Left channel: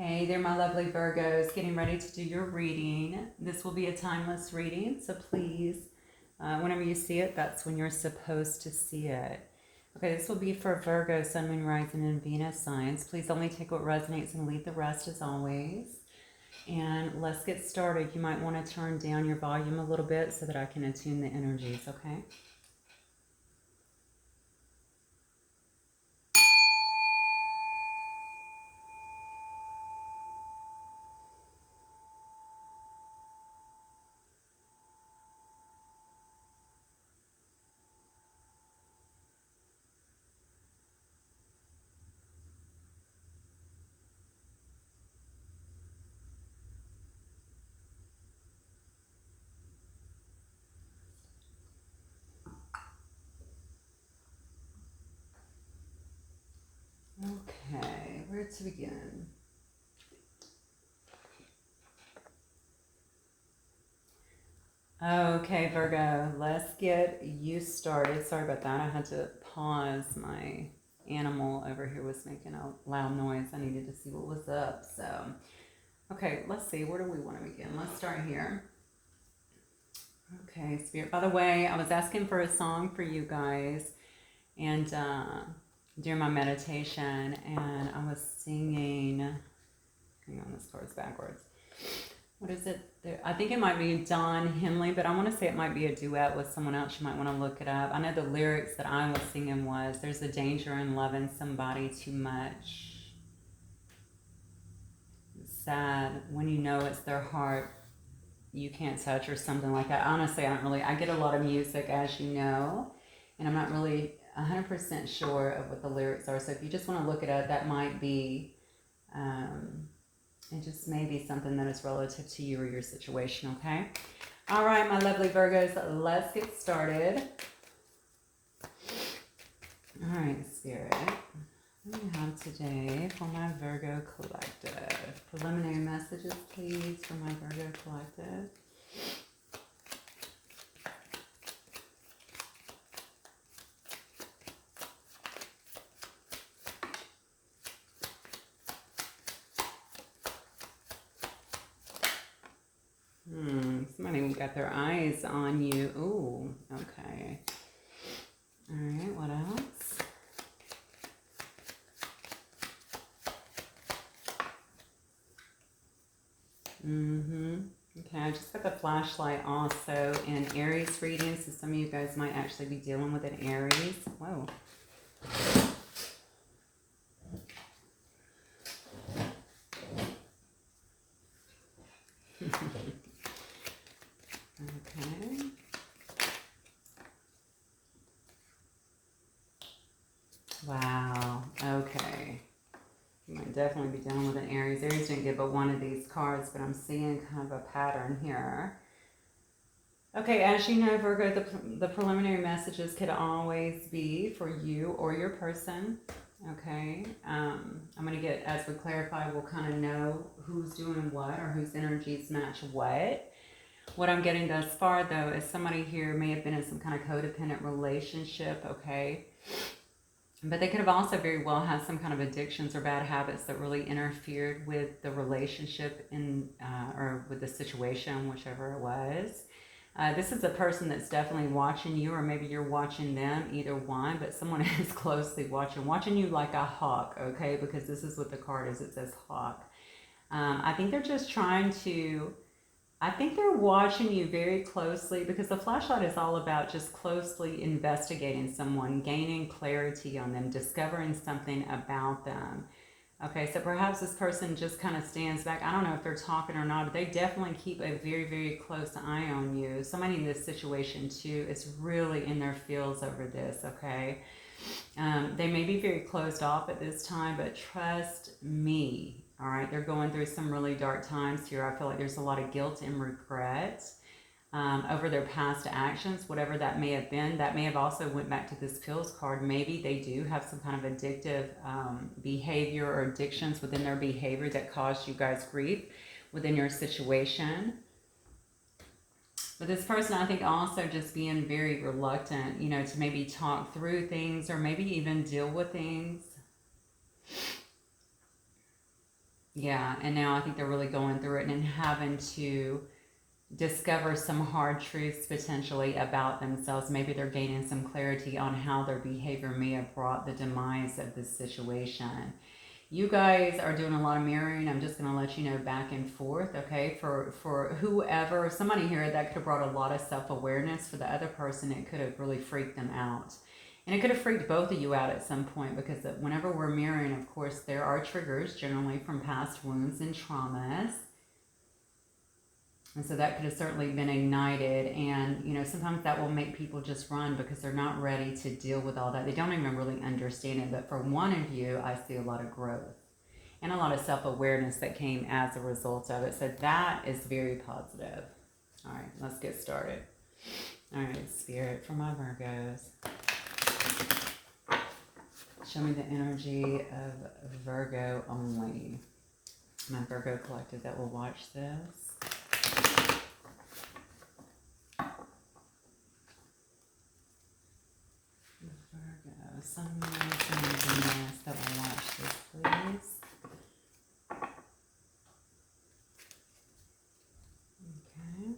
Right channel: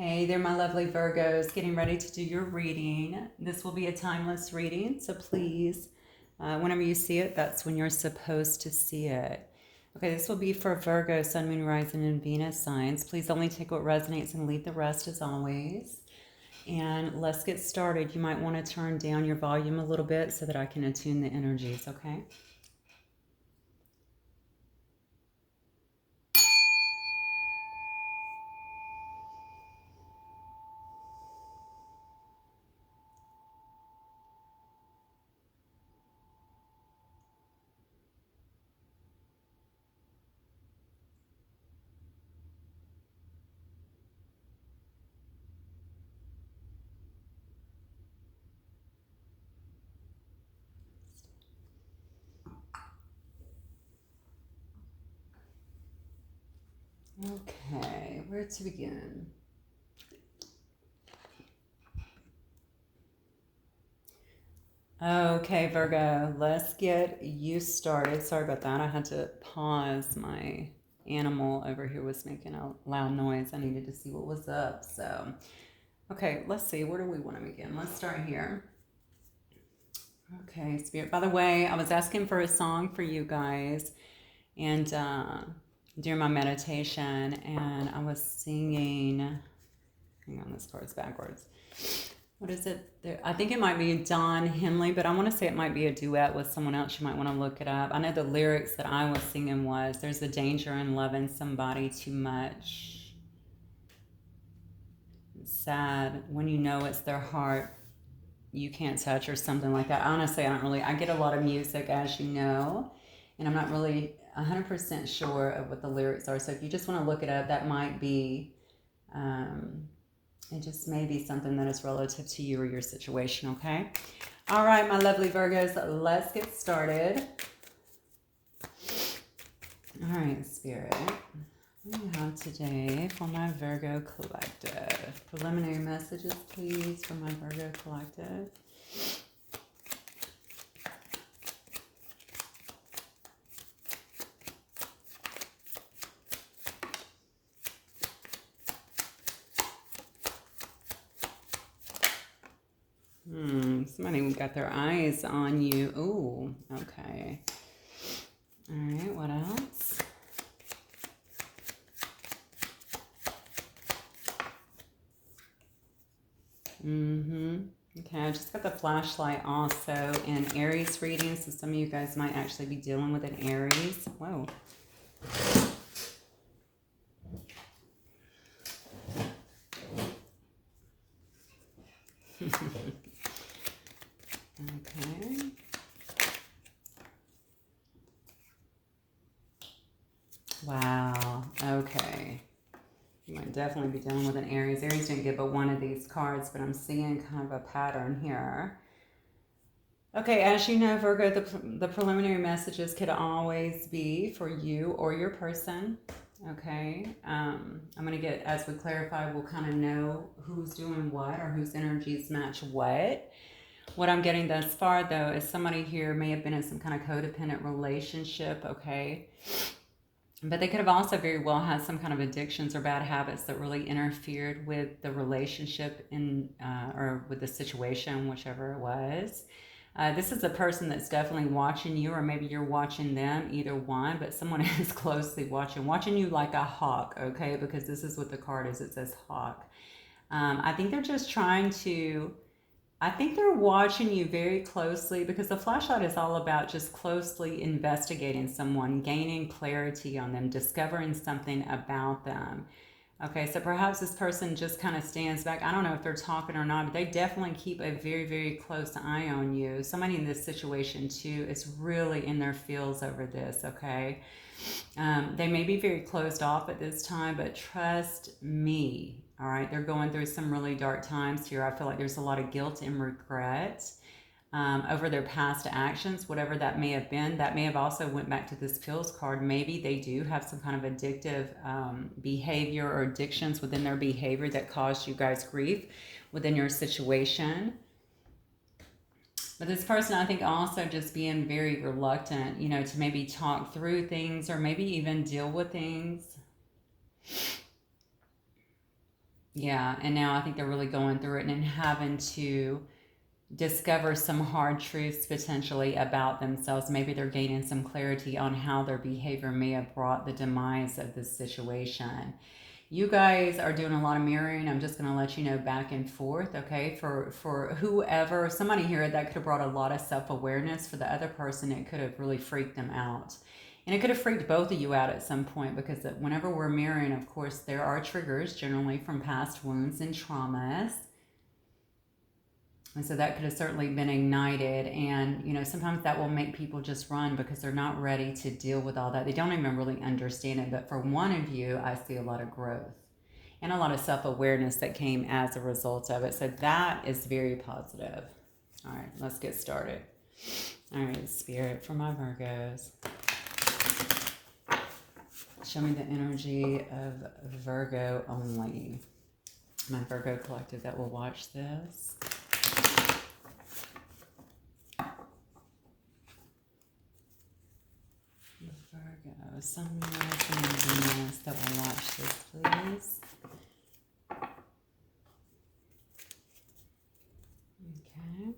Hey there, my lovely Virgos, getting ready to do your reading. This will be a timeless reading, so please, whenever you see it, that's when you're supposed to see it. Okay, this will be for Virgo, Sun, Moon, Rising, and Venus signs. Please only take what resonates and leave the rest as always. And let's get started. You might want to turn down your volume a little bit so that I can attune the energies, okay? Okay, where to begin? Okay, Virgo, let's get you started. Sorry about that. I had to pause. My animal over here was making a loud noise. I needed to see what was up. So, okay, let's see. Where do we want to begin? Let's start here. Okay, Spirit. By the way, I was asking for a song for you guys, and during my meditation, and I was singing. Hang on, this card's backwards. What is it? I think it might be Don Henley, but I want to say it might be a duet with someone else. You might want to look it up. I know the lyrics that I was singing was, "There's a danger in loving somebody too much. It's sad when you know it's their heart you can't touch," or something like that. Honestly, I get a lot of music, as you know, and I'm not really 100% sure of what the lyrics are. So if you just want to look it up, that might be... it just may be something that is relative to you or your situation, okay? All right, my lovely Virgos, let's get started. All right, Spirit. What do we have today for my Virgo Collective? Preliminary messages, please, for my Virgo Collective. Somebody got their eyes on you. Ooh, okay. All right, what else? Okay, I just got the flashlight also in Aries reading, so some of you guys might actually be dealing with an Aries. Whoa. Okay. Wow. Okay. You might definitely be dealing with an Aries. Aries didn't get but one of these cards, but I'm seeing kind of a pattern here. Okay, as you know, Virgo, the preliminary messages could always be for you or your person. Okay, I'm going to get, as we clarify, we'll kind of know who's doing what or whose energies match what. What I'm getting thus far, though, is somebody here may have been in some kind of codependent relationship, okay? But they could have also very well had some kind of addictions or bad habits that really interfered with the relationship or with the situation, whichever it was. This is a person that's definitely watching you, or maybe you're watching them, either one, but someone is closely watching you like a hawk, okay? Because this is what the card is. It says hawk. I think they're just trying to... I think they're watching you very closely, because the flashlight is all about just closely investigating someone, gaining clarity on them, discovering something about them. Okay, so perhaps this person just kind of stands back. I don't know if they're talking or not, but they definitely keep a very, very close eye on you. Somebody in this situation, too, is really in their feels over this, okay? They may be very closed off at this time, but trust me, all right? They're going through some really dark times here. I feel like there's a lot of guilt and regret over their past actions, whatever that may have been. That may have also went back to this Feels card. Maybe they do have some kind of addictive behavior or addictions within their behavior that caused you guys grief within your situation. But this person, I think, also just being very reluctant, you know, to maybe talk through things or maybe even deal with things. Yeah, and now I think they're really going through it and having to discover some hard truths potentially about themselves. Maybe they're gaining some clarity on how their behavior may have brought the demise of this situation. You guys are doing a lot of mirroring. I'm just going to let you know back and forth, okay? For whoever, somebody here that could have brought a lot of self-awareness. For the other person, it could have really freaked them out. And it could have freaked both of you out at some point, because whenever we're mirroring, of course, there are triggers generally from past wounds and traumas. And so that could have certainly been ignited. And, you know, sometimes that will make people just run because they're not ready to deal with all that. They don't even really understand it. But for one of you, I see a lot of growth and a lot of self-awareness that came as a result of it. So that is very positive. All right, let's get started. All right, Spirit, for my Virgos, show me the energy of Virgo only. My Virgo collective that will watch this. Virgo, Sun, Moon, and Venus that will watch this, please. Okay.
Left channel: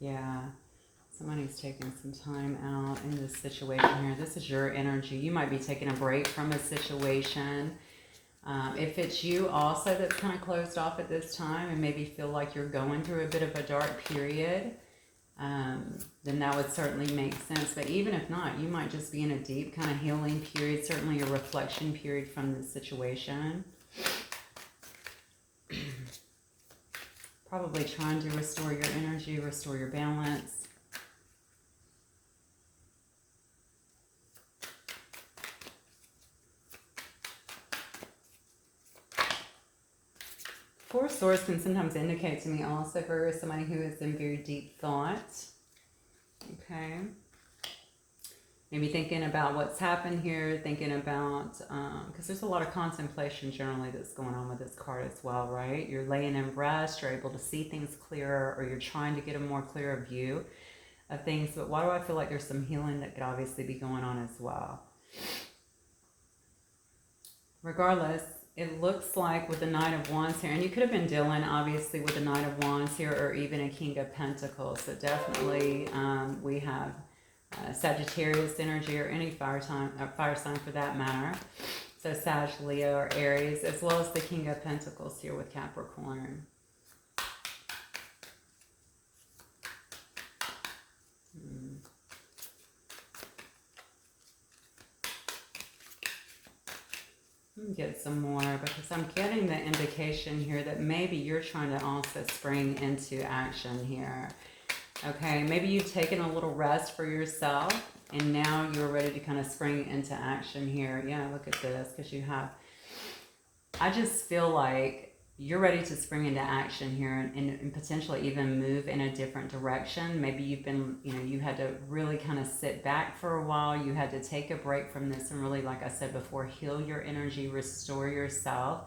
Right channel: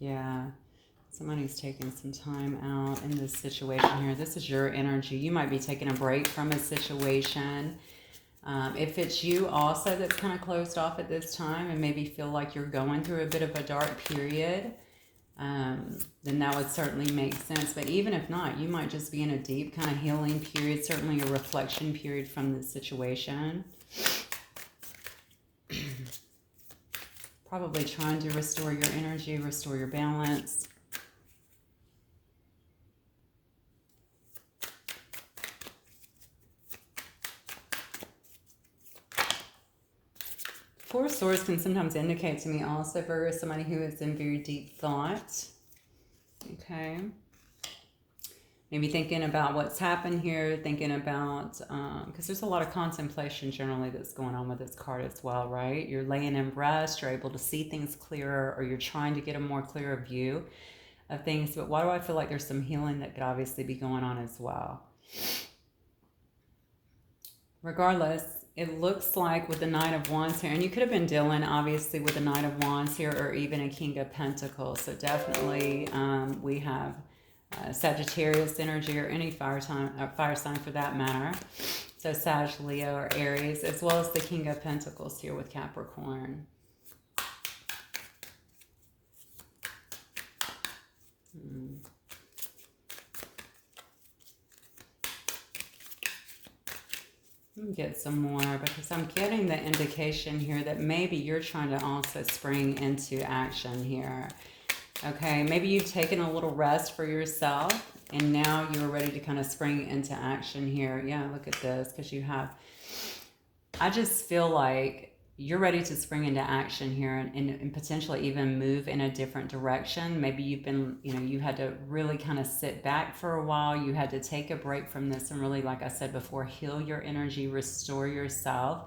Yeah. Somebody's taking some time out in this situation here. This is your energy. You might be taking a break from a situation. If it's you also that's kind of closed off at this time and maybe feel like you're going through a bit of a dark period, then that would certainly make sense. But even if not, you might just be in a deep kind of healing period, certainly a reflection period from the situation. Probably trying to restore your energy, restore your balance. Four of Swords can sometimes indicate to me also for somebody who is in very deep thought. Okay. Maybe thinking about what's happened here, thinking about, because there's a lot of contemplation generally that's going on with this card as well, right? You're laying in rest, you're able to see things clearer, or you're trying to get a more clearer view of things. But why do I feel like there's some healing that could obviously be going on as well? Regardless, it looks like with the Knight of Wands here, and you could have been dealing obviously with the Knight of Wands here, or even a King of Pentacles. So definitely we have Sagittarius energy, or any fire sign for that matter. So Sag, Leo, or Aries, as well as the King of Pentacles here with Capricorn. Get some more, because I'm getting the indication here that maybe you're trying to also spring into action here. Okay, maybe you've taken a little rest for yourself and now you're ready to kind of spring into action here. Yeah, look at this, because you have, I just feel like you're ready to spring into action here and potentially even move in a different direction. Maybe you've been, you know, you had to really kind of sit back for a while. You had to take a break from this and really, like I said before, heal your energy, restore yourself,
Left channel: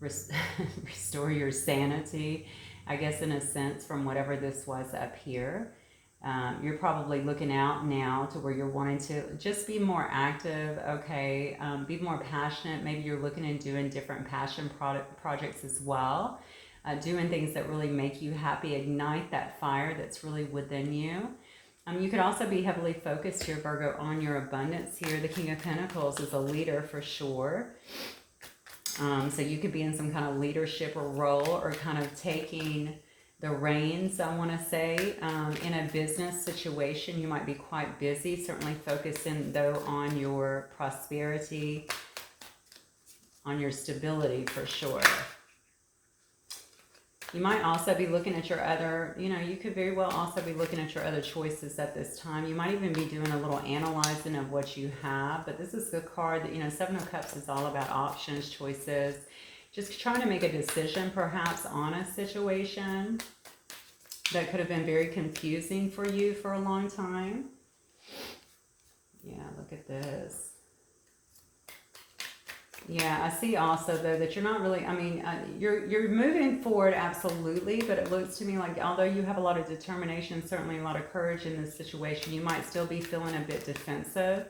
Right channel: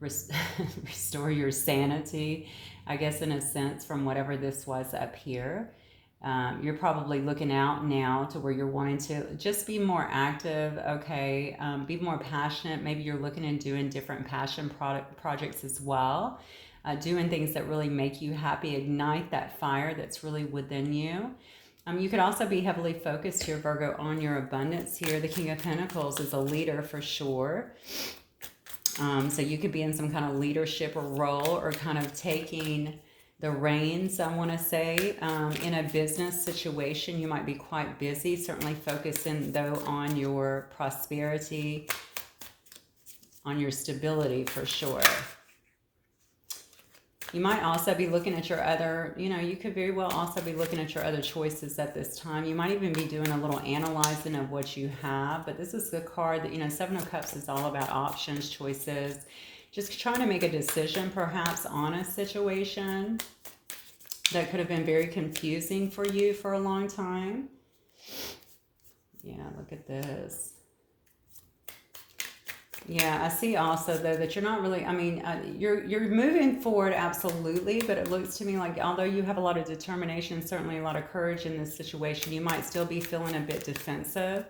restore your sanity, I guess, in a sense, from whatever this was up here. You're probably looking out now to where you're wanting to just be more active, okay, be more passionate. Maybe you're looking and doing different passion projects as well, doing things that really make you happy, ignite that fire that's really within you. You could also be heavily focused here, Virgo, on your abundance here. The King of Pentacles is a leader for sure. So you could be in some kind of leadership or role, or kind of taking the reins, I want to say, in a business situation. You might be quite busy, certainly focusing though on your prosperity, on your stability for sure. You might also be looking at your other, you know, you could very well also be looking at your other choices at this time. You might even be doing a little analyzing of what you have. But this is the card that, you know, Seven of Cups is all about options, choices. Just trying to make a decision perhaps on a situation that could have been very confusing for you for a long time. Yeah, look at this. Yeah, I see also though that you're not really. I mean, you're moving forward absolutely, but it looks to me like although you have a lot of determination, certainly a lot of courage in this situation, you might still be feeling a bit defensive.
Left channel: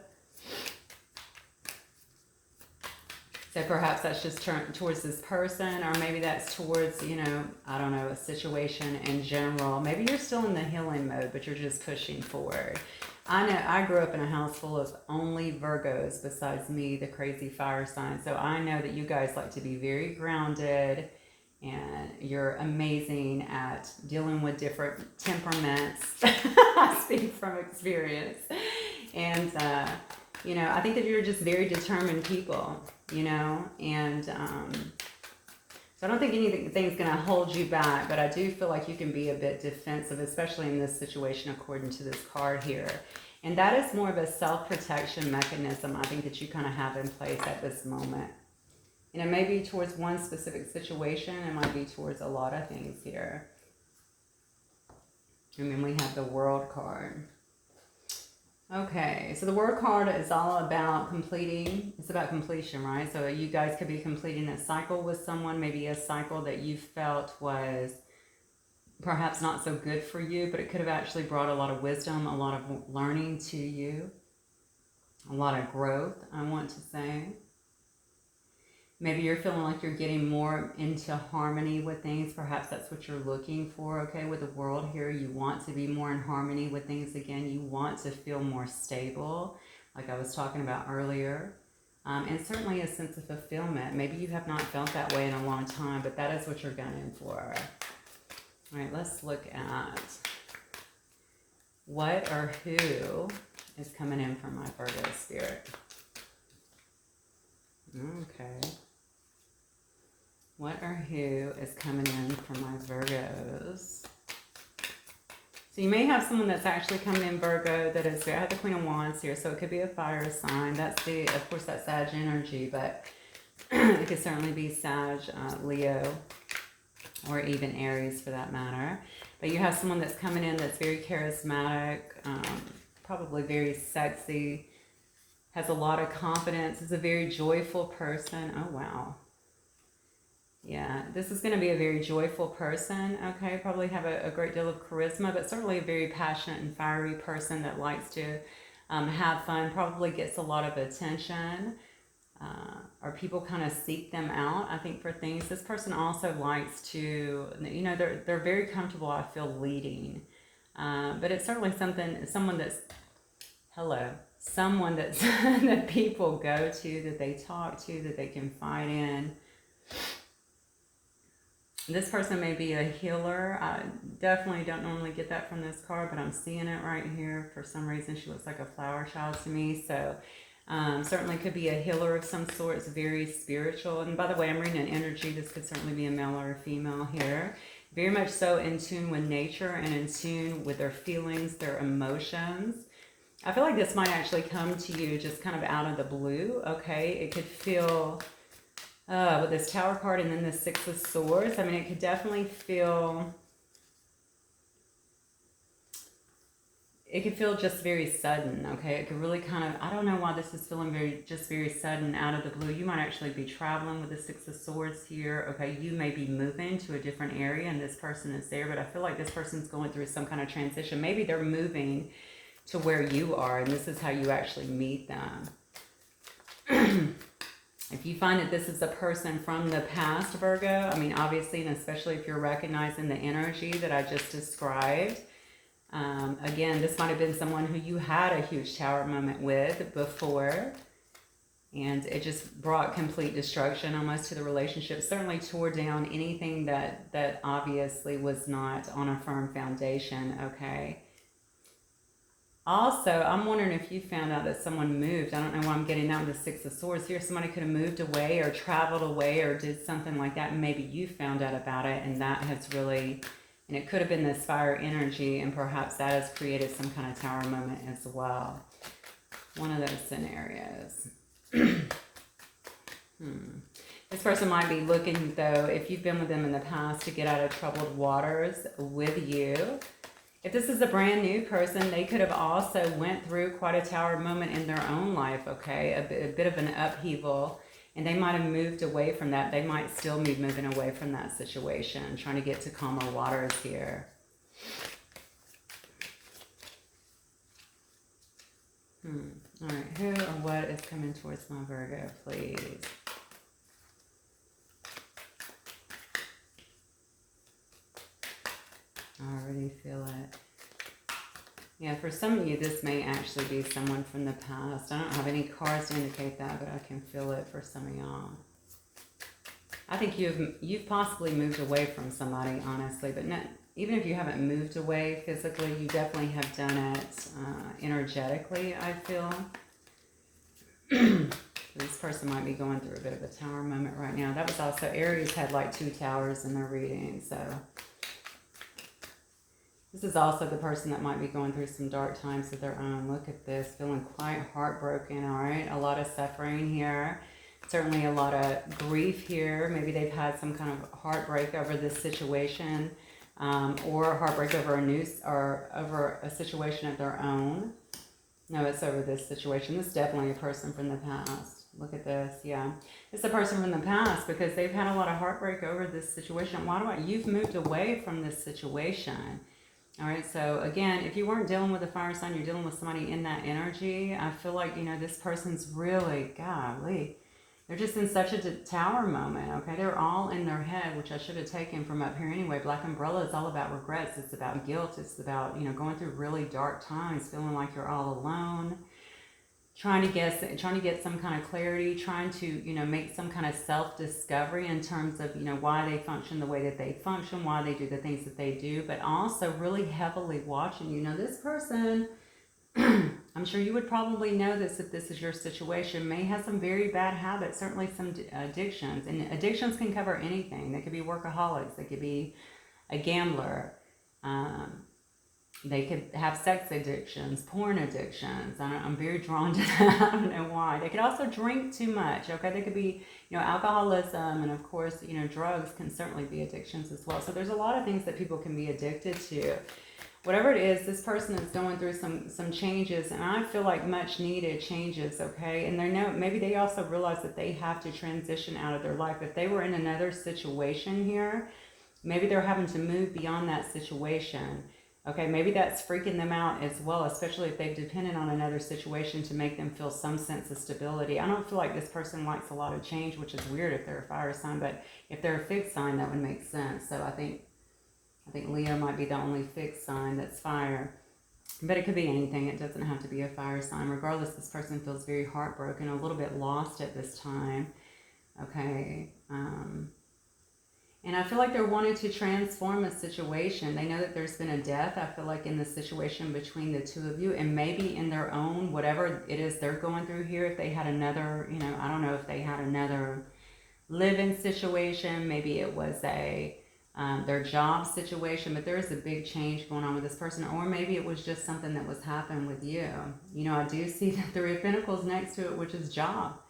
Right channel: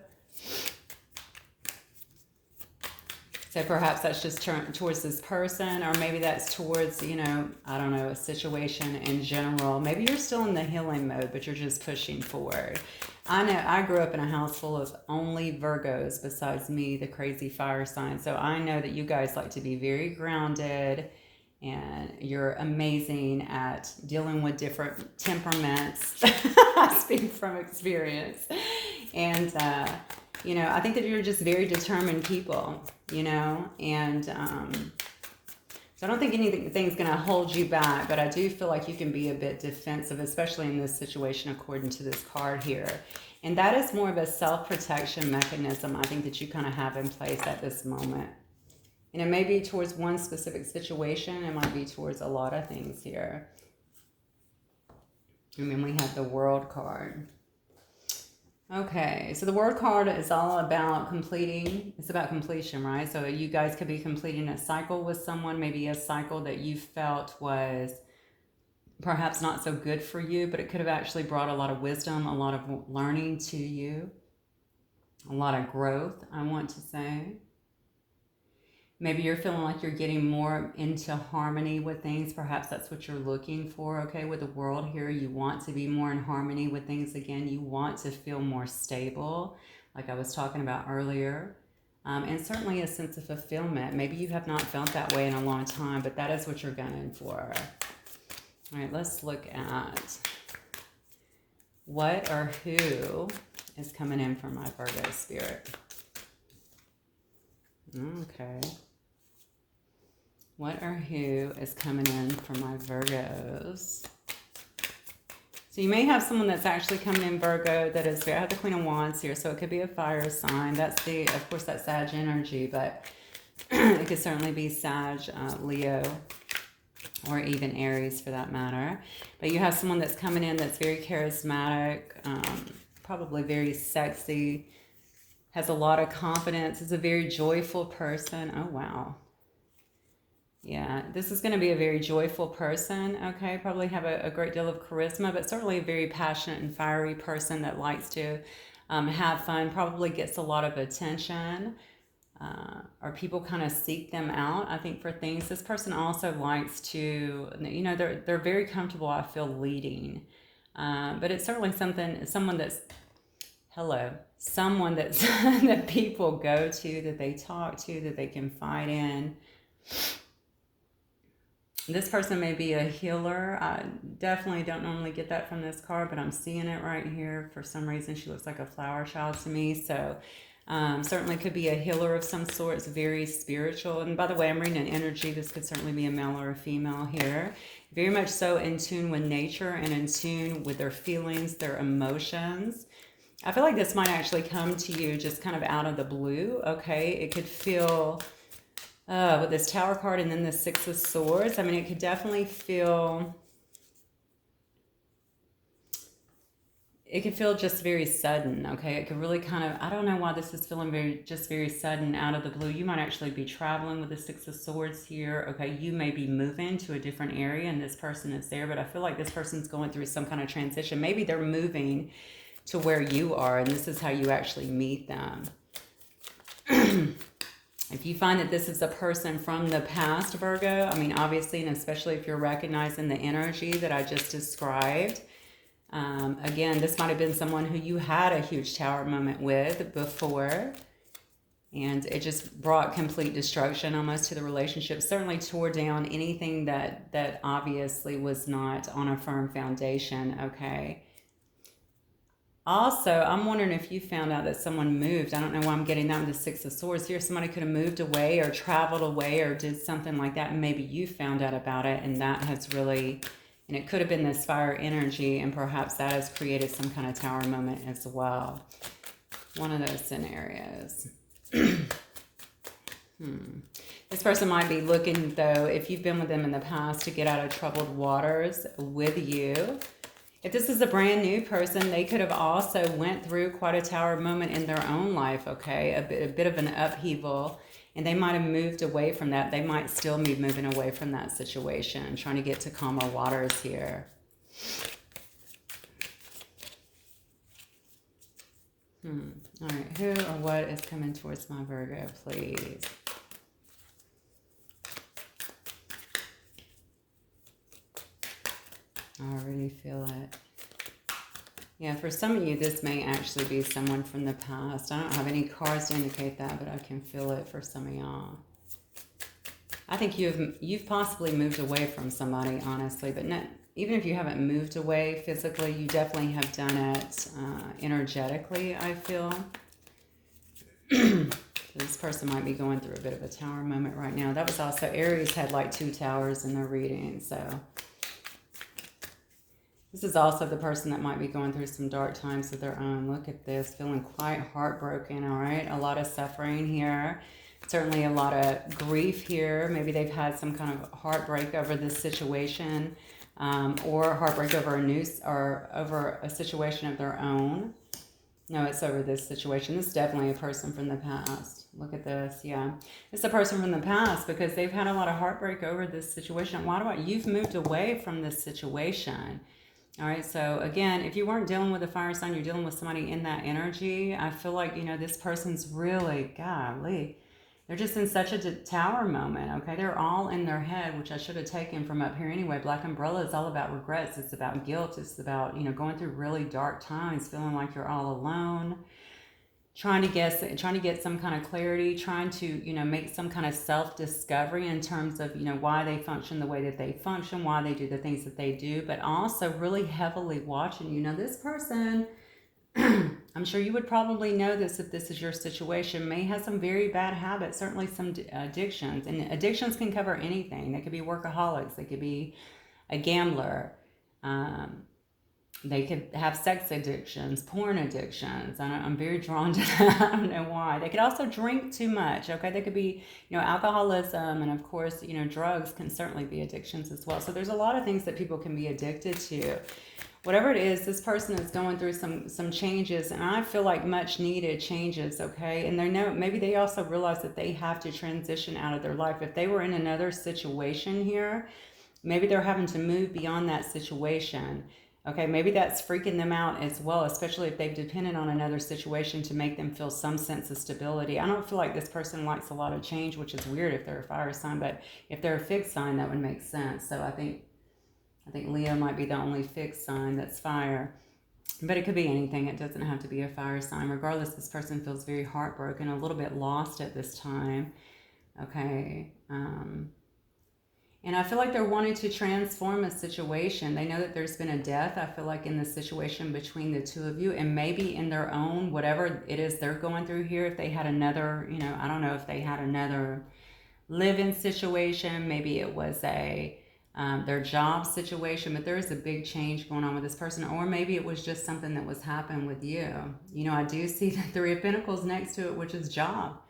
So perhaps that's just towards this person, or maybe that's towards, you know, I don't know, a situation in general. Maybe you're still in the healing mode, but you're just pushing forward. I know I grew up in a house full of only Virgos besides me, the crazy fire sign. So I know that you guys like to be very grounded and you're amazing at dealing with different temperaments. I speak from experience. And, you know, I think that you're just very determined people, you know, and so I don't think anything's going to hold you back, but I do feel like you can be a bit defensive, especially in this situation, according to this card here. And that is more of a self-protection mechanism, I think, that you kind of have in place at this moment. And it may be towards one specific situation. It might be towards a lot of things here. And then we have the World card. Okay, so the World card is all about completing. It's about completion, right? So you guys could be completing a cycle with someone, maybe a cycle that you felt was perhaps not so good for you, but it could have actually brought a lot of wisdom, a lot of learning to you, a lot of growth, I want to say. Maybe you're feeling like you're getting more into harmony with things. Perhaps that's what you're looking for, okay? With the World here, you want to be more in harmony with things again. You want to feel more stable, like I was talking about earlier. And certainly a sense of fulfillment. Maybe you have not felt that way in a long time, but that is what you're gunning for. All right, let's look at what or who is coming in from my Virgo spirit. Okay. What or who is coming in from my Virgos? So you may have someone that's actually coming in Virgo that is, I have the Queen of Wands here, so it could be a fire sign. That's the, of course, that's Sag energy, but it could certainly be Sag, Leo, or even Aries for that matter. But you have someone that's coming in that's very charismatic, probably very sexy, has a lot of confidence, is a very joyful person. Oh, wow. Yeah, this is going to be a very joyful person, okay? Probably have a great deal of charisma, but certainly a very passionate and fiery person that likes to have fun, probably gets a lot of attention, or people kind of seek them out, I think, for things. This person also likes to, you know, they're very comfortable, I feel, leading. But it's certainly someone that's, someone that's that people go to, that they talk to, that they confide in. This person may be a healer. I definitely don't normally get that from this card, but I'm seeing it right here. For some reason, she looks like a flower child to me. So certainly could be a healer of some sort. It's very spiritual. And by the way, I'm reading an energy. This could certainly be a male or a female here. Very much so in tune with nature and in tune with their feelings, their emotions. I feel like this might actually come to you just kind of out of the blue, okay? It could feel... with this Tower card and then the Six of Swords, I mean, it could definitely feel... It could feel just very sudden, okay? It could really kind of... I don't know why this is feeling very sudden out of the blue. You might actually be traveling with the Six of Swords here, okay? You may be moving to a different area and this person is there, but I feel like this person's going through some kind of transition. Maybe they're moving to where you are and this is how you actually meet them. If you find that this is a person from the past, Virgo, I mean, obviously, and especially if you're recognizing the energy that I just described, again, this might have been someone who you had a huge Tower moment with before, and it just brought complete destruction almost to the relationship, certainly tore down anything that obviously was not on a firm foundation, okay? Also, I'm wondering if you found out that someone moved. I don't know why I'm getting that with the Six of Swords here. Somebody could have moved away or traveled away or did something like that. And maybe you found out about it and that has really, and it could have been this fire energy and perhaps that has created some kind of Tower moment as well. One of those scenarios. This person might be looking, though, if you've been with them in the past, to get out of troubled waters with you. If this is a brand new person, they could have also went through quite a Tower moment in their own life, okay? A bit of an upheaval. And they might have moved away from that. They might still be moving away from that situation, trying to get to calmer waters here. All right, who or what is coming towards my Virgo, please? I already feel it. Yeah, for some of you, this may actually be someone from the past. I don't have any cards to indicate that, but I can feel it for some of y'all. I think you've possibly moved away from somebody, honestly, but not, even if you haven't moved away physically, you definitely have done it energetically, I feel. This person might be going through a bit of a tower moment right now. That was also, Aries had like 2 towers in their reading, so... This is also the person that might be going through some dark times of their own. Look at this, feeling quite heartbroken, all right? A lot of suffering here. Certainly a lot of grief here. Maybe they've had some kind of heartbreak over this situation, or heartbreak over over a situation of their own. No, it's over this situation. This is definitely a person from the past. Look at this, yeah. It's a person from the past because they've had a lot of heartbreak over this situation. You've moved away from this situation. All right, so again, if you weren't dealing with a fire sign, you're dealing with somebody in that energy. I feel like, this person's really, golly, they're just in such a tower moment, okay? They're all in their head, which I should have taken from up here anyway. Black Umbrella is all about regrets. It's about guilt. It's about, going through really dark times, feeling like you're all alone. Trying to get some kind of clarity, trying to, make some kind of self-discovery in terms of, why they function the way that they function, why they do the things that they do, but also really heavily watching, this person, I'm sure you would probably know this if this is your situation, may have some very bad habits, certainly some addictions, and addictions can cover anything. They could be workaholics, they could be a gambler, they could have sex addictions, porn addictions. I'm very drawn to that. I don't know why. They could also drink too much, okay? They could be, alcoholism, and of course, drugs can certainly be addictions as well. So there's a lot of things that people can be addicted to. Whatever it is, this person is going through some changes, and I feel like much needed changes, okay? And maybe they also realize that they have to transition out of their life. If they were in another situation here, maybe they're having to move beyond that situation. Okay, maybe that's freaking them out as well, especially if they've depended on another situation to make them feel some sense of stability. I don't feel like this person likes a lot of change, which is weird if they're a fire sign, but if they're a fixed sign, that would make sense. So I think Leo might be the only fixed sign that's fire. But it could be anything. It doesn't have to be a fire sign. Regardless, this person feels very heartbroken, a little bit lost at this time. Okay, and I feel like they're wanting to transform a situation. They know that there's been a death, I feel like, in the situation between the two of you, and maybe in their own, whatever it is they're going through here, if they had another, I don't know if they had another live-in situation, maybe it was their job situation, but there is a big change going on with this person, or maybe it was just something that was happening with you. I do see the Three of Pentacles next to it, which is job.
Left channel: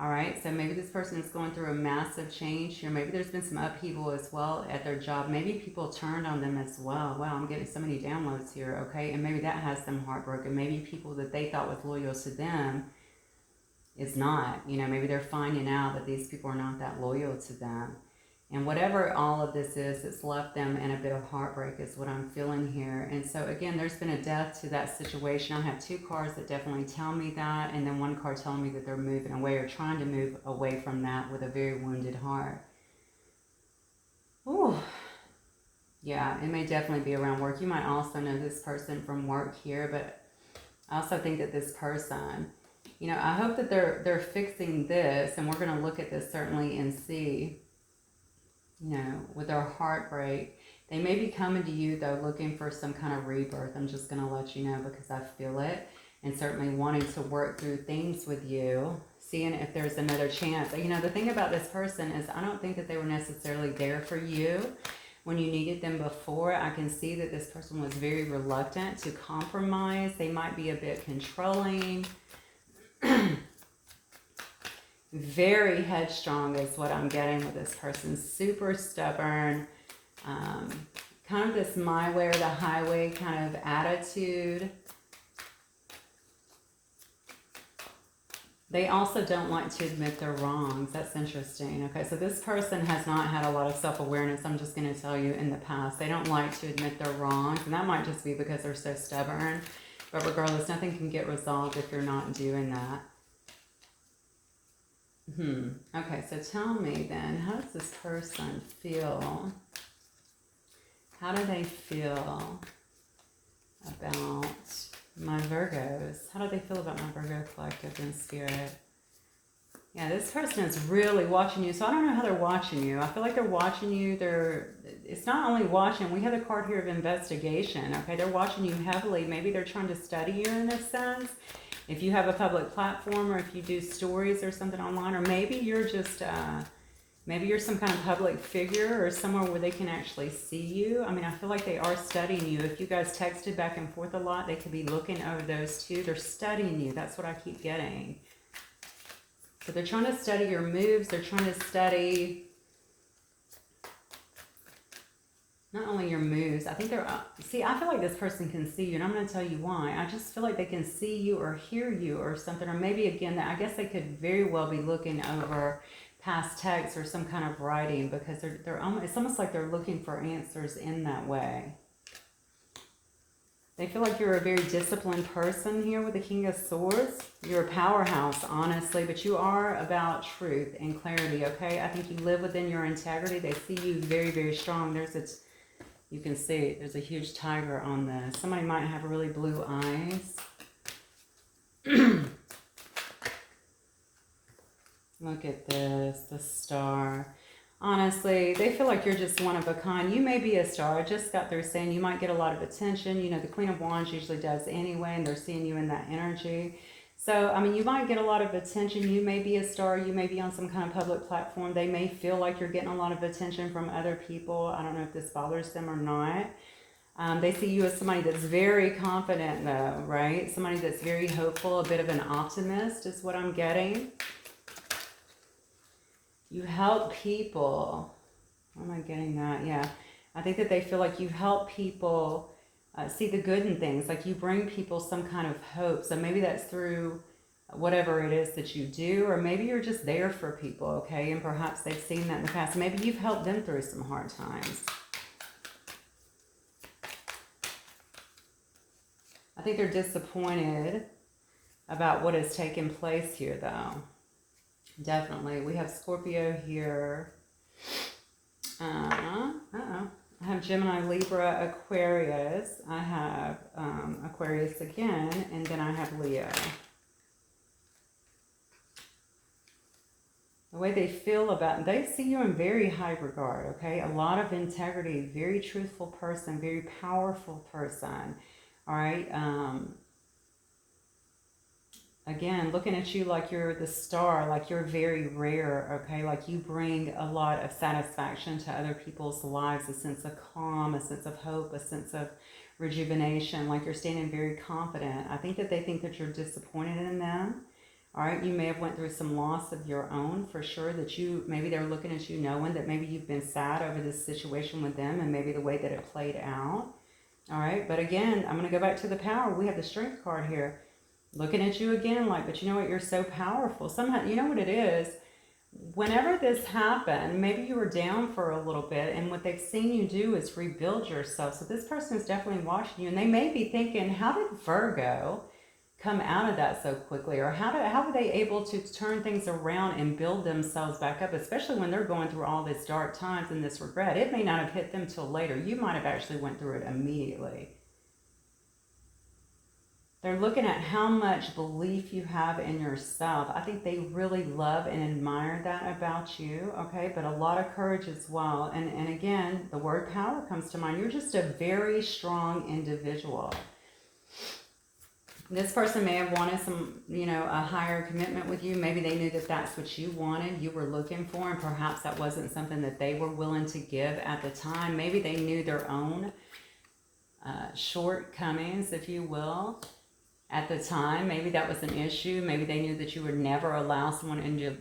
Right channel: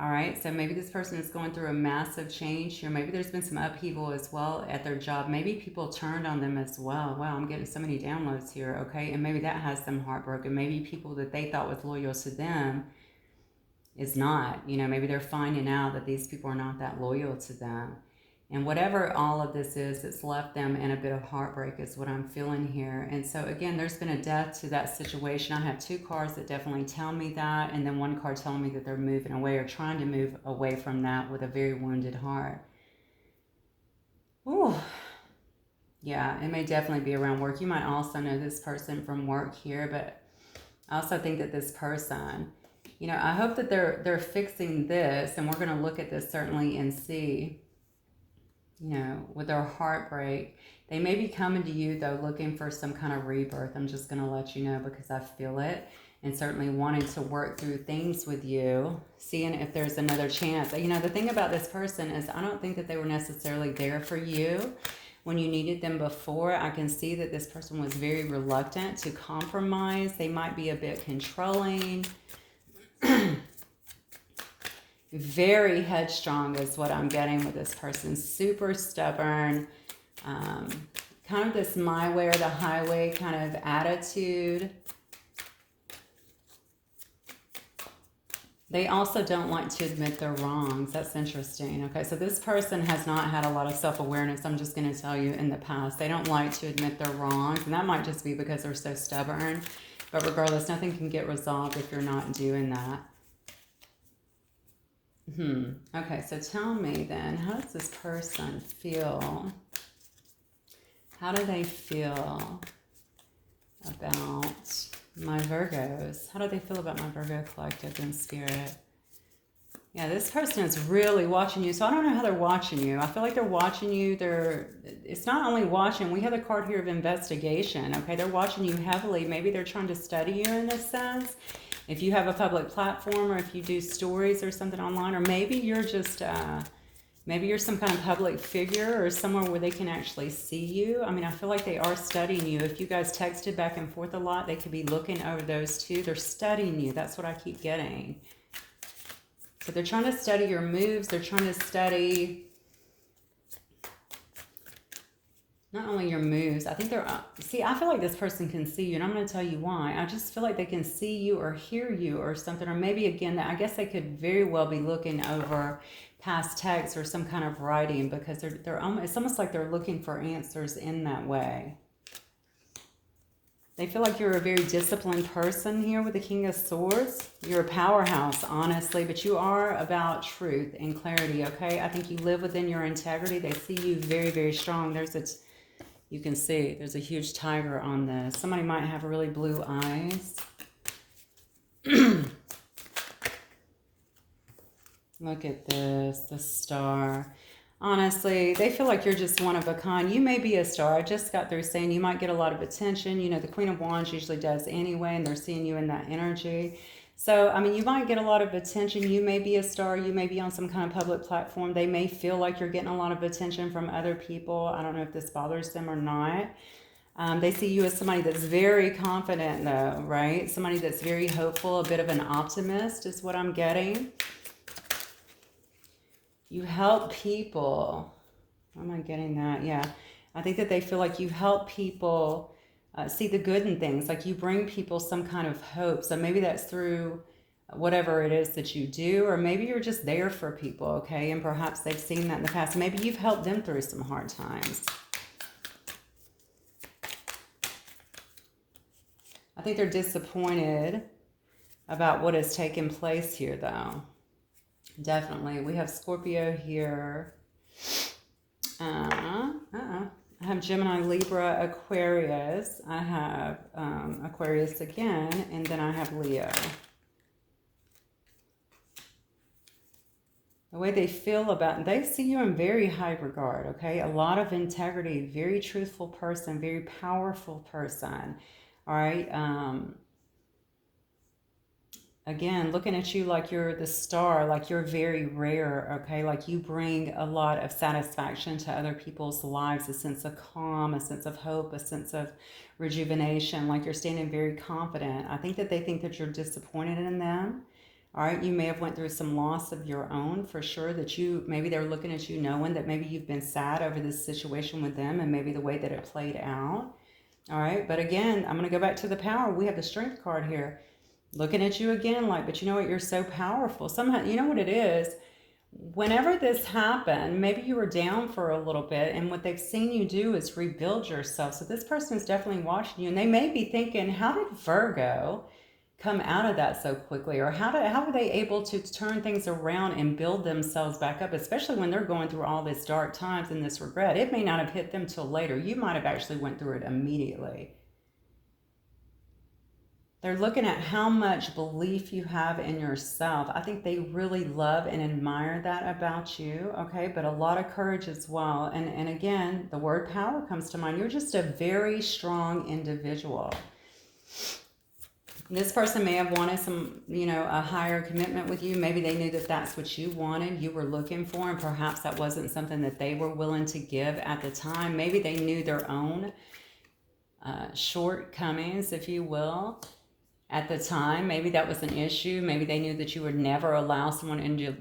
All right, so maybe this person is going through a massive change here. Maybe there's been some upheaval as well at their job. Maybe people turned on them as well. Wow, I'm getting so many downloads here, okay? And maybe that has them heartbroken. Maybe people that they thought was loyal to them is not. Maybe they're finding out that these people are not that loyal to them. And whatever all of this is, it's left them in a bit of heartbreak is what I'm feeling here. And so again, there's been a death to that situation. I have 2 cards that definitely tell me that, and then 1 card telling me that they're moving away or trying to move away from that with a very wounded heart. Ooh. Yeah, it may definitely be around work. You might also know this person from work here, but I also think that this person, I hope that they're fixing this, and we're going to look at this certainly and see, with their heartbreak. They may be coming to you, though, looking for some kind of rebirth. I'm just going to let you know because I feel it. And certainly wanting to work through things with you, seeing if there's another chance. The thing about this person is I don't think that they were necessarily there for you when you needed them before. I can see that this person was very reluctant to compromise. They might be a bit controlling. Very headstrong is what I'm getting with this person. Super stubborn. Kind of this my way or the highway kind of attitude. They also don't like to admit their wrongs. That's interesting. Okay, so this person has not had a lot of self-awareness. I'm just going to tell you in the past. They don't like to admit their wrongs, and that might just be because they're so stubborn. But regardless, nothing can get resolved if you're not doing that. Okay, so tell me then, how does this person feel? How do they feel about my Virgos? How do they feel about my Virgo collective in spirit? Yeah, this person is really watching you. So I don't know how they're watching you. I feel like they're watching you. It's not only watching. We have the card here of investigation. Okay, they're watching you heavily. Maybe they're trying to study you in this sense. If you have a public platform, or if you do stories or something online, or maybe you're just, maybe you're some kind of public figure or somewhere where they can actually see you. I mean, I feel like they are studying you. If you guys texted back and forth a lot, they could be looking over those two. They're studying you. That's what I keep getting. So they're trying to study your moves. They're trying to study not only your moves. I think see, I feel like this person can see you, and I'm going to tell you why. I just feel like they can see you or hear you or something, or maybe again, I guess they could very well be looking over past texts or some kind of writing, because it's almost like they're looking for answers in that way. They feel like you're a very disciplined person here with the King of Swords. You're a powerhouse, honestly, but you are about truth and clarity, okay? I think you live within your integrity. They see you very, very strong. You can see there's a huge tiger on this. Somebody might have really blue eyes. Look at this, the star. Honestly, they feel like you're just one of a kind. You may be a star. I just got through saying you might get a lot of attention. You know, the Queen of Wands usually does anyway, and they're seeing you in that energy. So, I mean, you might get a lot of attention. You may be a star. You may be on some kind of public platform. They may feel like you're getting a lot of attention from other people. I don't know if this bothers them or not. They see you as somebody that's very confident, though, right? Somebody that's very hopeful, a bit of an optimist is what I'm getting. You help people. How am I getting that? Yeah. I think that they feel like you help people see the good in things. Like you bring people some kind of hope. So maybe that's through whatever it is that you do, or maybe you're just there for people, okay? And perhaps they've seen that in the past. Maybe you've helped them through some hard times. I think they're disappointed about what has taken place here, though. Definitely. We have Scorpio here. I have Gemini, Libra, Aquarius. I have Aquarius again, and then I have Leo. The way they feel about, they see you in very high regard, okay? A lot of integrity, very truthful person, very powerful person, all right? Again, looking at you like you're the star, like you're very rare, okay? Like you bring a lot of satisfaction to other people's lives, a sense of calm, a sense of hope, a sense of rejuvenation, like you're standing very confident. I think that they think that you're disappointed in them, all right? You may have went through some loss of your own, for sure, that maybe they're looking at you knowing that maybe you've been sad over this situation with them and maybe the way that it played out, all right? But again, I'm going to go back to the power. We have the Strength card here. Looking at you again, like, but you know what, you're so powerful. Somehow, you know what it is? Whenever this happened, maybe you were down for a little bit, and what they've seen you do is rebuild yourself. So this person is definitely watching you, and they may be thinking, how did Virgo come out of that so quickly? Or how were they able to turn things around and build themselves back up, especially when they're going through all this dark times and this regret? It may not have hit them till later. You might have actually went through it immediately. They're looking at how much belief you have in yourself. I think they really love and admire that about you, okay? But a lot of courage as well. And again, the word power comes to mind. You're just a very strong individual. This person may have wanted some, you know, a higher commitment with you. Maybe they knew that that's what you wanted, you were looking for, and perhaps that wasn't something that they were willing to give at the time. Maybe they knew their own shortcomings, if you will, at the time. Maybe that was an issue. Maybe they knew that you would never allow someone into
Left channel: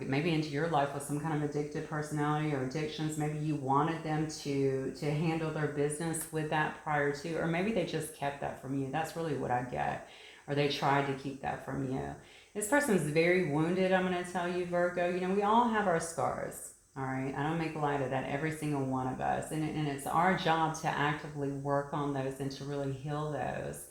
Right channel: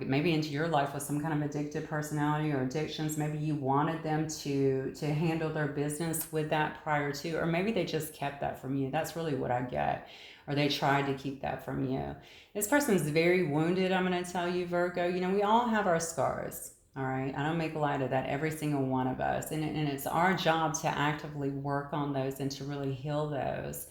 maybe into your life with some kind of addictive personality or addictions. Maybe you wanted them to handle their business with that prior to, or maybe they just kept that from you. That's really what I get. or they tried to keep that from you. This person is very wounded, I'm going to tell you, Virgo. You know, we all have our scars, all right? I don't make light of that, every single one of us. And it's our job to actively work on those and to really heal those.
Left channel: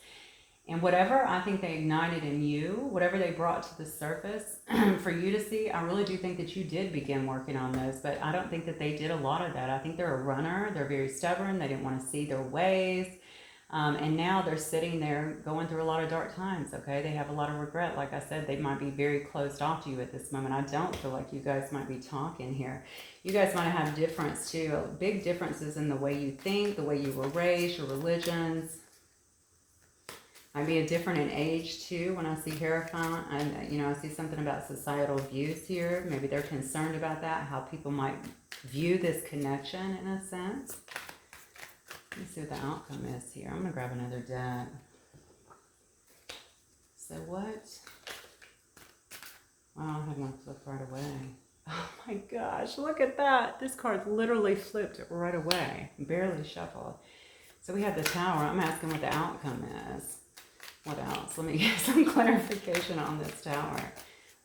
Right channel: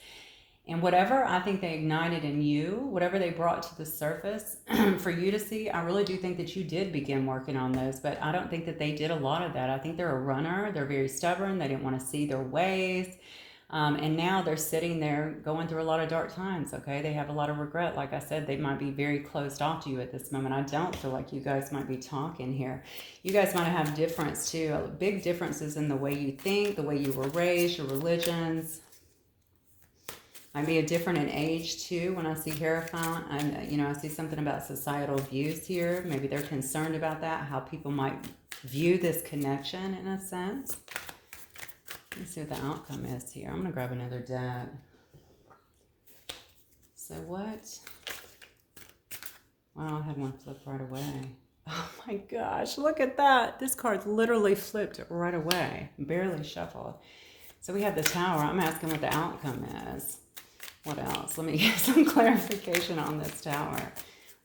And whatever I think they ignited in you, whatever they brought to the surface for you to see, I really do think that you did begin working on those. But I don't think that they did a lot of that. I think they're a runner. They're very stubborn. They didn't want to see their ways. And now they're sitting there going through a lot of dark times, okay? They have a lot of regret. Like I said, they might be very closed off to you at this moment. I don't feel like you guys might be talking here. You guys might have difference too, big differences in the way you think, the way you were raised, your religions. Might be a different in age too when I see Hierophant. And, you know, I see something about societal views here. Maybe they're concerned about that, how people might view this connection in a sense. Let me see what the outcome is here. I'm going to grab another deck. So what? Wow, I had one flip right away. Oh my gosh, look at that. This card's literally flipped right away. Barely shuffled. So we have the Tower. I'm asking what the outcome is. What else? Let me get some clarification on this Tower.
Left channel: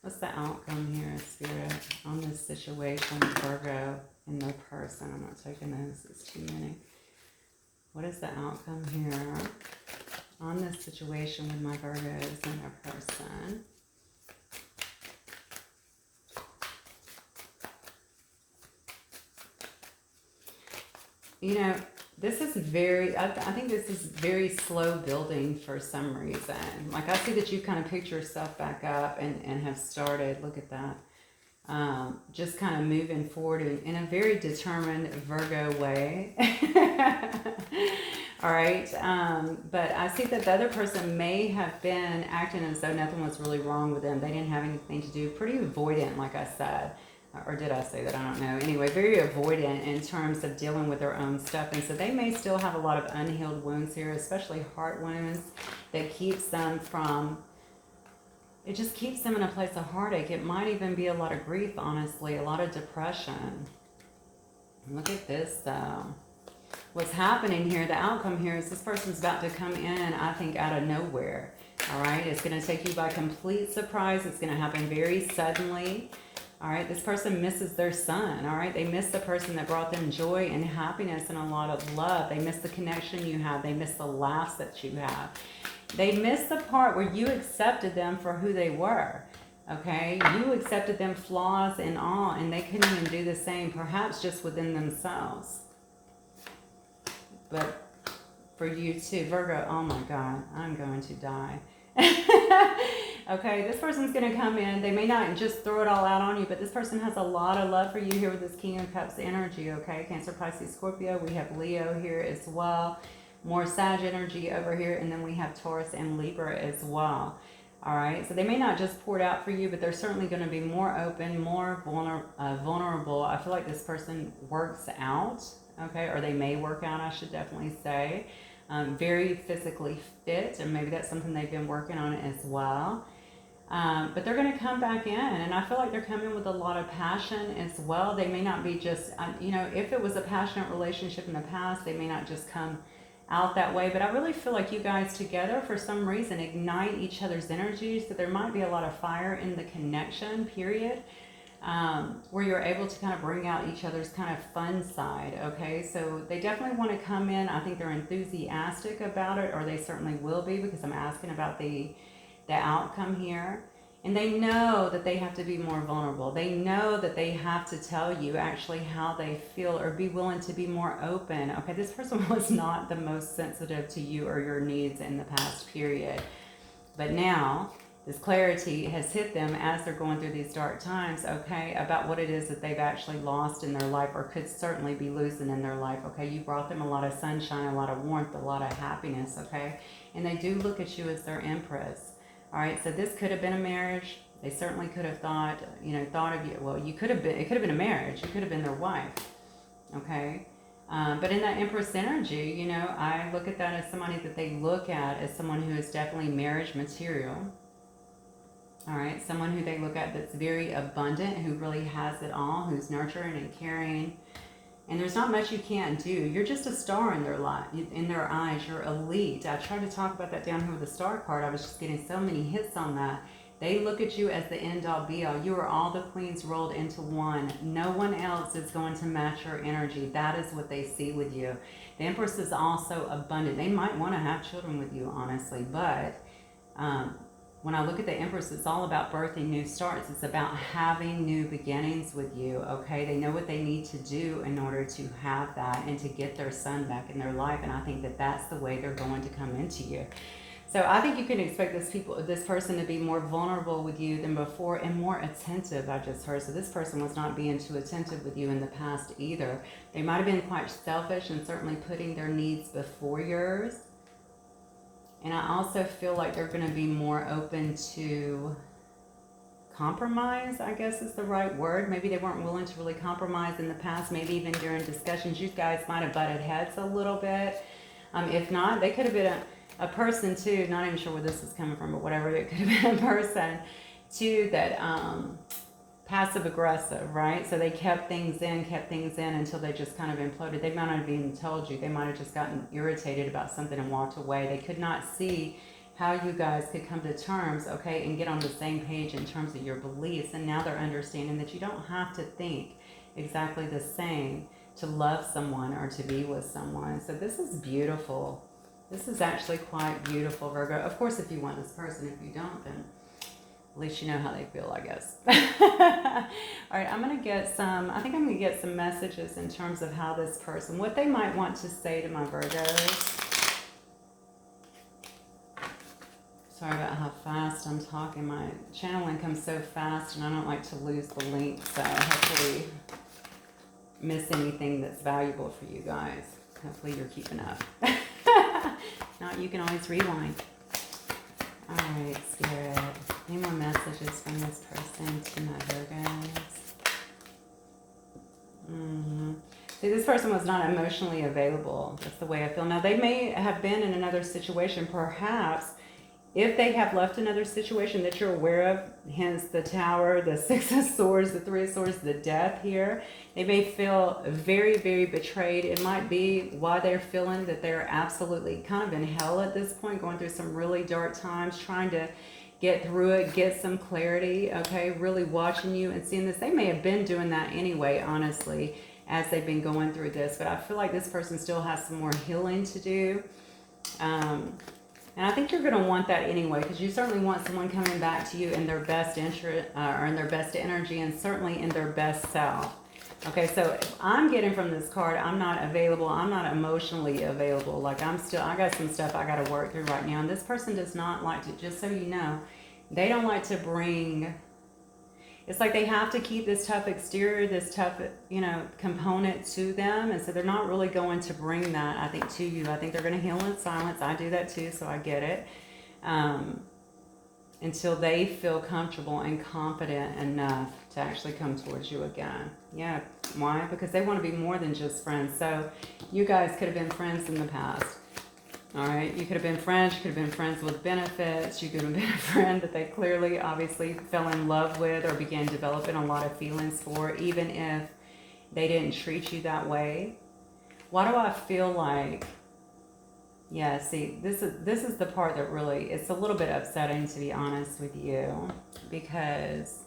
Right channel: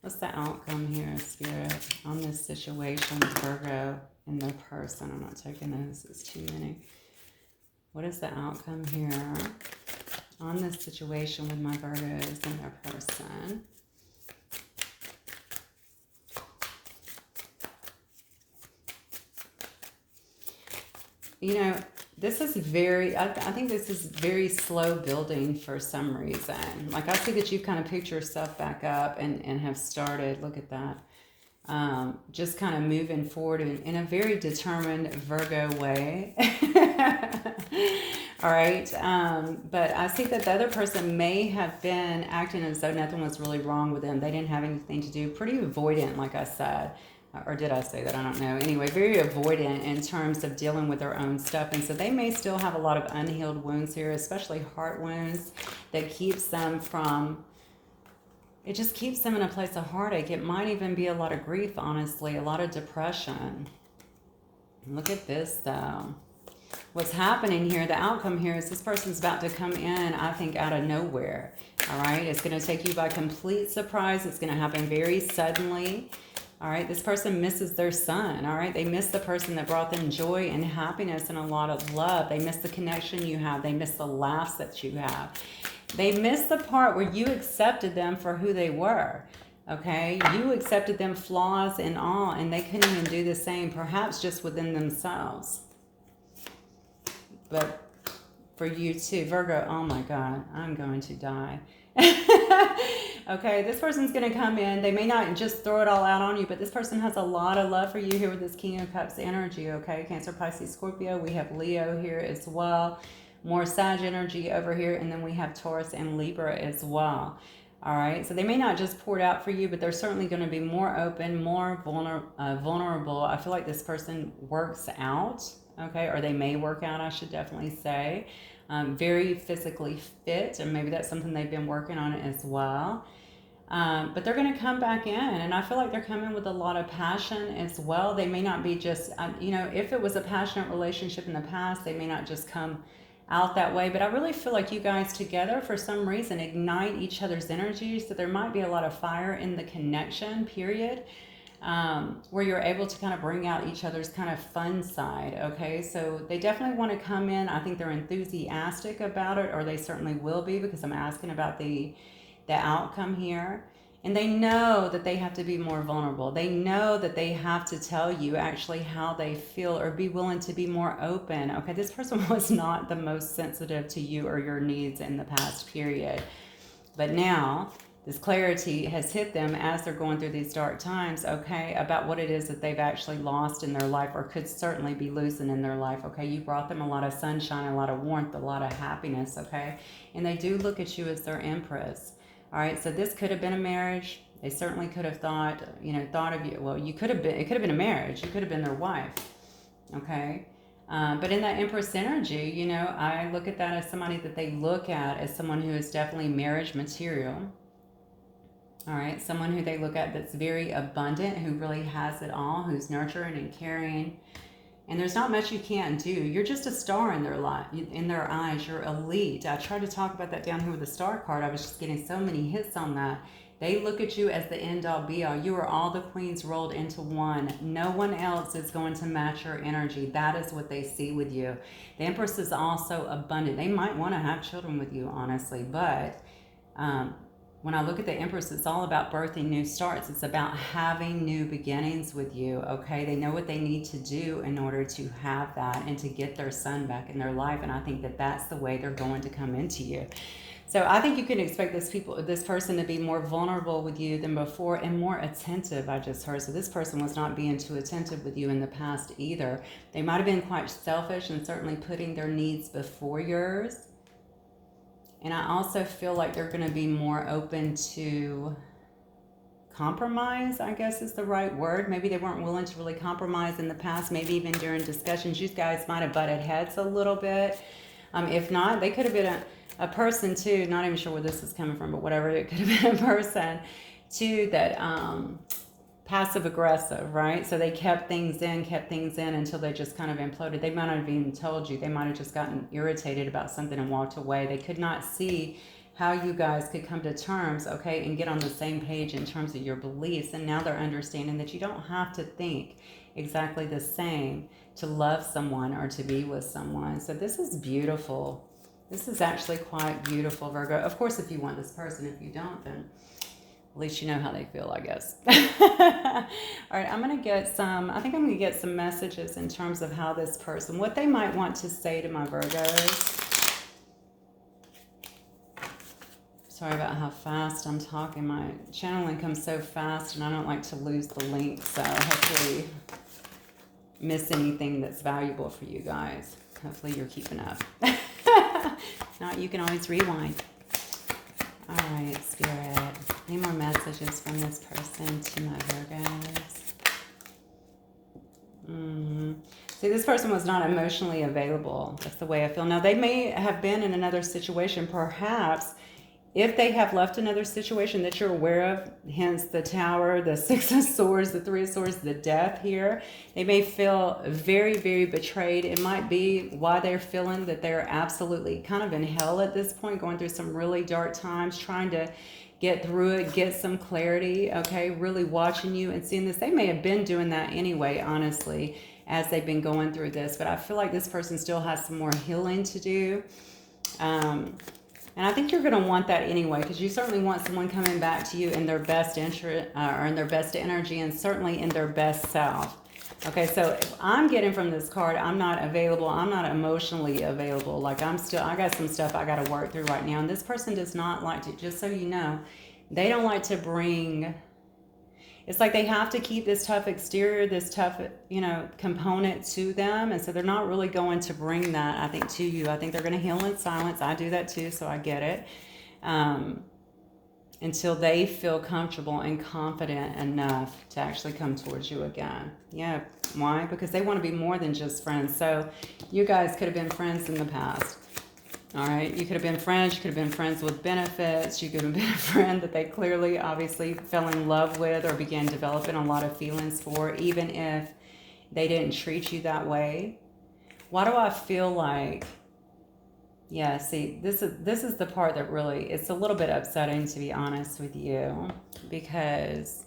What's the outcome here, Spirit, on this situation with Virgo and their person? I'm not taking this. It's too many. What is the outcome here on this situation with my Virgos and their person? You know, this is very, I think this is very slow building for some reason. Like I see that you've kind of picked yourself back up and have started, look at that, just kind of moving forward in a very determined Virgo way. All right, but I see that the other person may have been acting as though nothing was really wrong with them. They didn't have anything to do, pretty avoidant, like I said. Or did I say that? I don't know. Anyway, very avoidant in terms of dealing with their own stuff. And so they may still have a lot of unhealed wounds here, especially heart wounds that keeps them from, it just keeps them in a place of heartache. It might even be a lot of grief, honestly, a lot of depression. Look at this, though. What's happening here, the outcome here is this person's about to come in, I think, out of nowhere. All right? It's going to take you by complete surprise. It's going to happen very suddenly. All right, this person misses their son, all right? They miss the person that brought them joy and happiness and a lot of love. They miss the connection you have. They miss the laughs that you have. They miss the part where you accepted them for who they were, okay? You accepted them flaws and all, and they couldn't even do the same, perhaps just within themselves. But for you too, Virgo, oh my God, I'm going to die. Okay, this person's going to come in. They may not just throw it all out on you, but this person has a lot of love for you here with this King of Cups energy, okay? Cancer, Pisces, Scorpio. We have Leo here as well. More Sag energy over here. And then we have Taurus and Libra as well. All right, so they may not just pour it out for you, but they're certainly going to be more open, more vulnerable. I feel like this person works out, okay? Or they may work out, I should definitely say. Very physically fit, and maybe that's something they've been working on as well. But they're going to come back in, and I feel like they're coming with a lot of passion as well. They may not be just, you know, if it was a passionate relationship in the past, they may not just come out that way. But I really feel like you guys together, for some reason, ignite each other's energy. So there might be a lot of fire in the connection, period. Where you're able to kind of bring out each other's kind of fun side, okay? So they definitely want to come in. I think they're enthusiastic about it, or they certainly will be, because I'm asking about the outcome here. And they know that they have to be more vulnerable. They know that they have to tell you actually how they feel, or be willing to be more open. Okay, this person was not the most sensitive to you or your needs in the past period. But now this clarity has hit them as they're going through these dark times, okay, about what it is that they've actually lost in their life, or could certainly be losing in their life, okay? You brought them a lot of sunshine, a lot of warmth, a lot of happiness, okay? And they do look at you as their empress, all right? So this could have been a marriage. They certainly could have thought, you know, thought of you. Well, you could have been, it could have been a marriage. You could have been their wife, okay? But in that Empress energy, you know, I look at that as somebody that they look at as someone who is definitely marriage material. All right, someone who they look at that's very abundant, who really has it all, who's nurturing and caring, And there's not much you can't do. You're just a star in their life, in their eyes. You're elite. I tried to talk about that down here with the star card. I was just getting so many hits on that. They look at you as the end-all be-all. You are all the queens rolled into one. No one else is going to match your energy. That is what they see with you. The Empress is also abundant. They might want to have children with you, honestly. But when I look at the Empress, it's all about birthing new starts. It's about having new beginnings with you, okay? They know what they need to do in order to have that and to get their son back in their life. And I think that that's the way they're going to come into you. So I think you can expect this person to be more vulnerable with you than before and more attentive, I just heard. So this person was not being too attentive with you in the past either. They might have been quite selfish and certainly putting their needs before yours. And I also feel like they're going to be more open to compromise, I guess is the right word. Maybe they weren't willing to really compromise in the past. Maybe even during discussions, you guys might have butted heads a little bit. If not, they could have been a person too, not even sure where this is coming from, but whatever, it could have been a person too that passive aggressive, right? So they kept things in until they just kind of imploded. They might not have even told you. They might have just gotten irritated about something and walked away. They could not see how you guys could come to terms, okay, and get on the same page in terms of your beliefs. And now they're understanding that you don't have to think exactly the same to love someone or to be with someone. So this is beautiful. This is actually quite beautiful, Virgo. Of course, if you want this person, if you don't, then at least you know how they feel, I guess. All right, I'm going to get I think I'm going to get some messages in terms of how this person, what they might want to say to my Virgos. Sorry about how fast I'm talking. My channeling comes so fast, and I don't like to lose the link, so hopefully miss anything that's valuable for you guys. Hopefully you're keeping up. Not, you can always rewind. All right, Spirit. Any more messages from this person to my Virgos? See, this person was not emotionally available. That's the way I feel. Now, they may have been in another situation, perhaps. If they have left another situation that you're aware of, hence the Tower, the Six of Swords, the Three of Swords, the Death here, they may feel very, very betrayed. It might be why they're feeling that they're absolutely kind of in hell at this point, going through some really dark times, trying to get through it, get some clarity, okay, really watching you and seeing this. They may have been doing that anyway, honestly, as they've been going through this, but I feel like this person still has some more healing to do. And I think you're going to want that anyway, because you certainly want someone coming back to you in their best interest, or in their best energy, and certainly in their best self. Okay, so I'm getting from this card, I'm not available, I'm not emotionally available. Like I got some stuff I got to work through right now. And this person does not like to, just so you know, they don't like to bring, it's like they have to keep this tough exterior, this tough, component to them. And so they're not really going to bring that, I think, to you. I think they're going to heal in silence. I do that too, so I get it. Until they feel comfortable and confident enough to actually come towards you again. Yeah, why? Because they want to be more than just friends. So you guys could have been friends in the past. All right, you could have been friends, you could have been friends with benefits, you could have been a friend that they clearly, obviously fell in love with or began developing a lot of feelings for, even if they didn't treat you that way. Why do I feel like, yeah, see, this is the part that really, it's a little bit upsetting, to be honest with you, because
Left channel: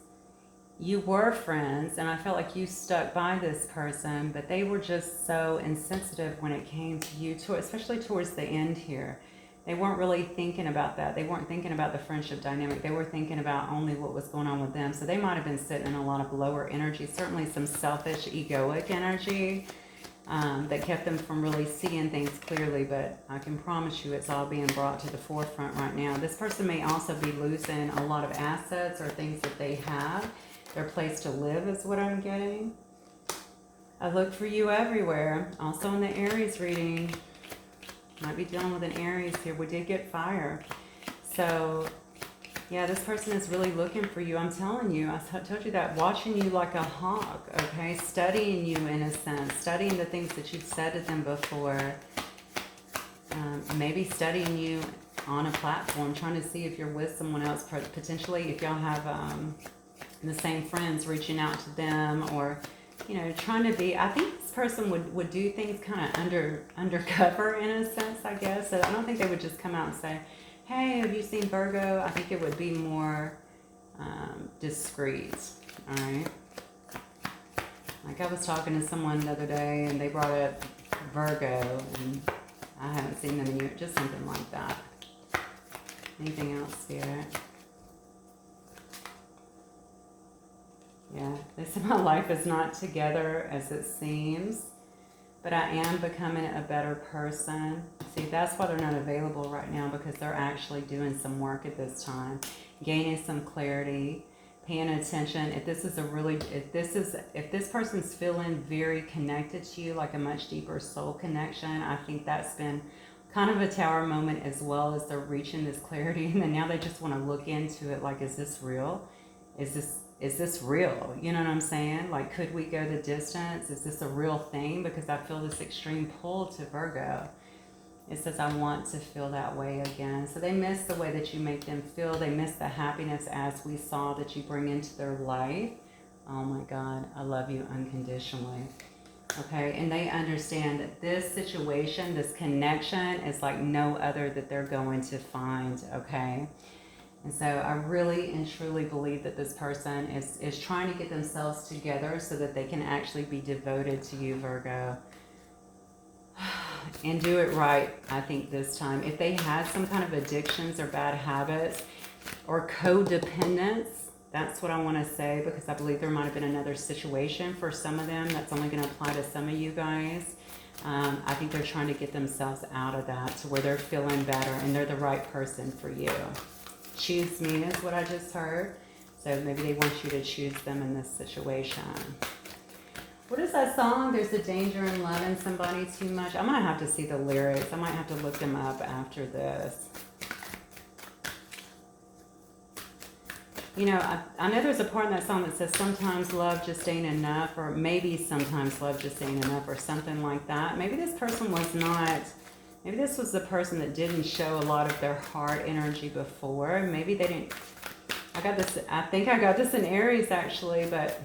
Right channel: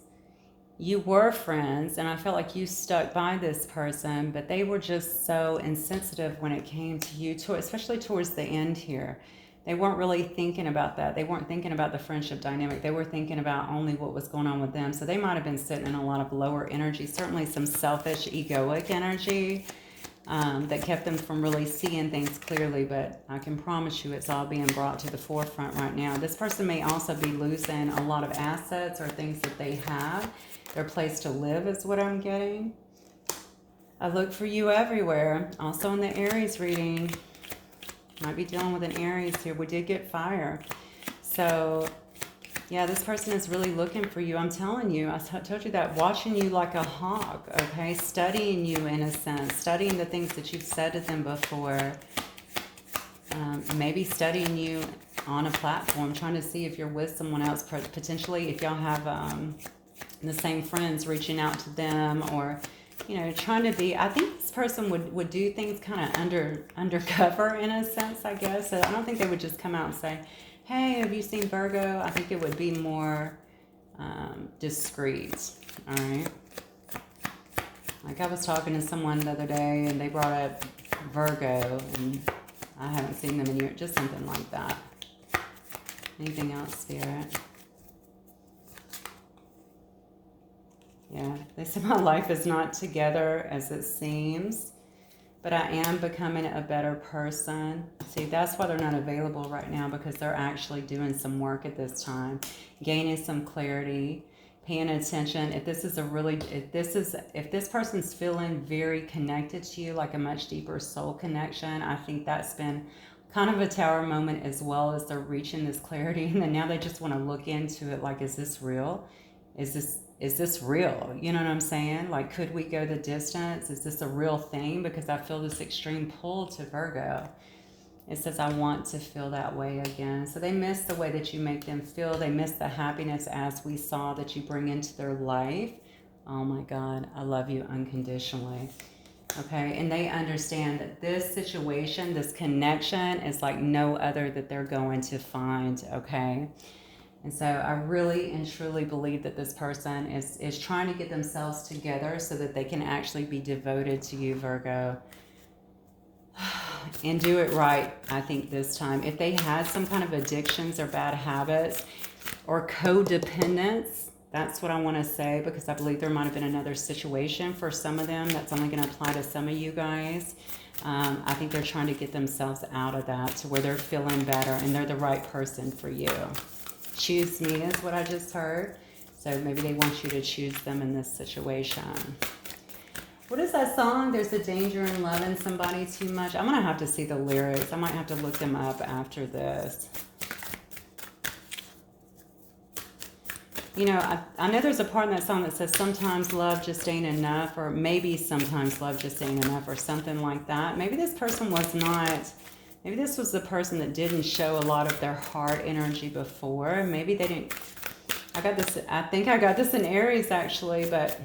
you were friends, and I felt like you stuck by this person, but they were just so insensitive when it came to you, especially towards the end here. They weren't really thinking about that. They weren't thinking about the friendship dynamic. They were thinking about only what was going on with them. So they might have been sitting in a lot of lower energy, certainly some selfish, egoic energy that kept them from really seeing things clearly. But I can promise you it's all being brought to the forefront right now. This person may also be losing a lot of assets or things that they have. Their place to live is what I'm getting. I look for you everywhere. Also in the Aries reading. Might be dealing with an Aries here. We did get fire. So, yeah, this person is really looking for you. I'm telling you, I told you that, watching you like a hawk, okay? Studying you in a sense. Studying the things that you've said to them before. Maybe studying you on a platform. Trying to see if you're with someone else. Potentially if y'all have... the same friends, reaching out to them, or you know, trying to be, I think this person would do things kind of undercover in a sense, I guess. So I don't think they would just come out and say, hey, have you seen Virgo? I think it would be more discreet, all right? Like I was talking to someone the other day and they brought up Virgo and I haven't seen them in years, just something like that. Anything else, Spirit? Yeah, they said my life is not together as it seems, but I am becoming a better person. See, that's why they're not available right now, because they're actually doing some work at this time, gaining some clarity, paying attention. If this is if this person's feeling very connected to you, like a much deeper soul connection, I think that's been kind of a tower moment, as well as they're reaching this clarity, and then now they just want to look into it, like, is this real? Is this real? You know what I'm saying? Like, could we go the distance? Is this a real thing? Because I feel this extreme pull to Virgo. It says, I want to feel that way again. So they miss the way that you make them feel. They miss the happiness, as we saw, that you bring into their life. Oh my God, I love you unconditionally. Okay, and they understand that this situation, this connection is like no other that they're going to find, okay? And so I really and truly believe that this person is trying to get themselves together so that they can actually be devoted to you, Virgo. And do it right, I think, this time. If they had some kind of addictions or bad habits or codependence, that's what I want to say, because I believe there might have been another situation for some of them. That's only going to apply to some of you guys. I think they're trying to get themselves out of that to where they're feeling better and they're the right person for you. Choose me is what I just heard. So maybe they want you to choose them in this situation. What is that song? There's a danger in loving somebody too much. I'm going to have to see the lyrics. I might have to look them up after this. You know, I know there's a part in that song that says sometimes love just ain't enough, or maybe sometimes love just ain't enough, or something like that. Maybe this person was not, maybe this was the person that didn't show a lot of their heart energy before. Maybe they didn't, I think I got this in Aries actually, but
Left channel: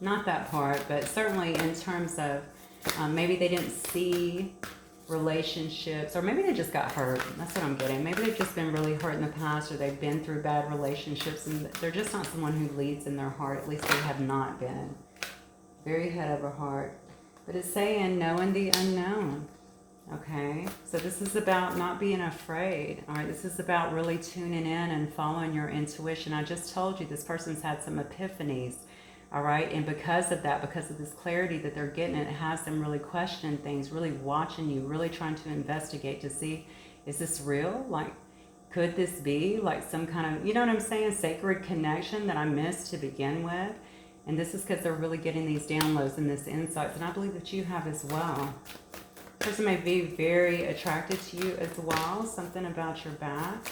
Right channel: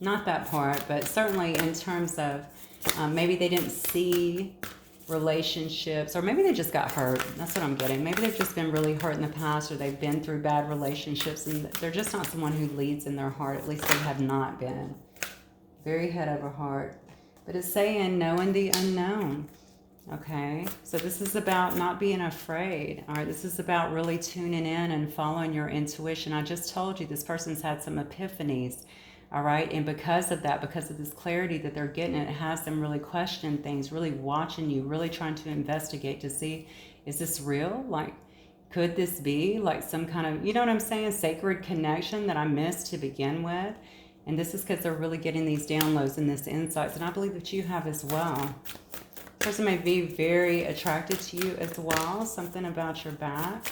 not that part, but certainly in terms of maybe they didn't see relationships, or maybe they just got hurt. That's what I'm getting. Maybe they've just been really hurt in the past, or they've been through bad relationships and they're just not someone who leads in their heart. At least they have not been. Very head over heart. But it's saying knowing the unknown. Okay, so this is about not being afraid. All right, this is about really tuning in and following your intuition. I just told you this person's had some epiphanies. All right, and because of that, because of this clarity that they're getting, it has them really questioning things, really watching you, really trying to investigate to see, is this real? Like, could this be like some kind of, you know what I'm saying, sacred connection that I missed to begin with? And this is because they're really getting these downloads and this insights, and I believe that you have as well. Person may be very attracted to you as well. Something about your back.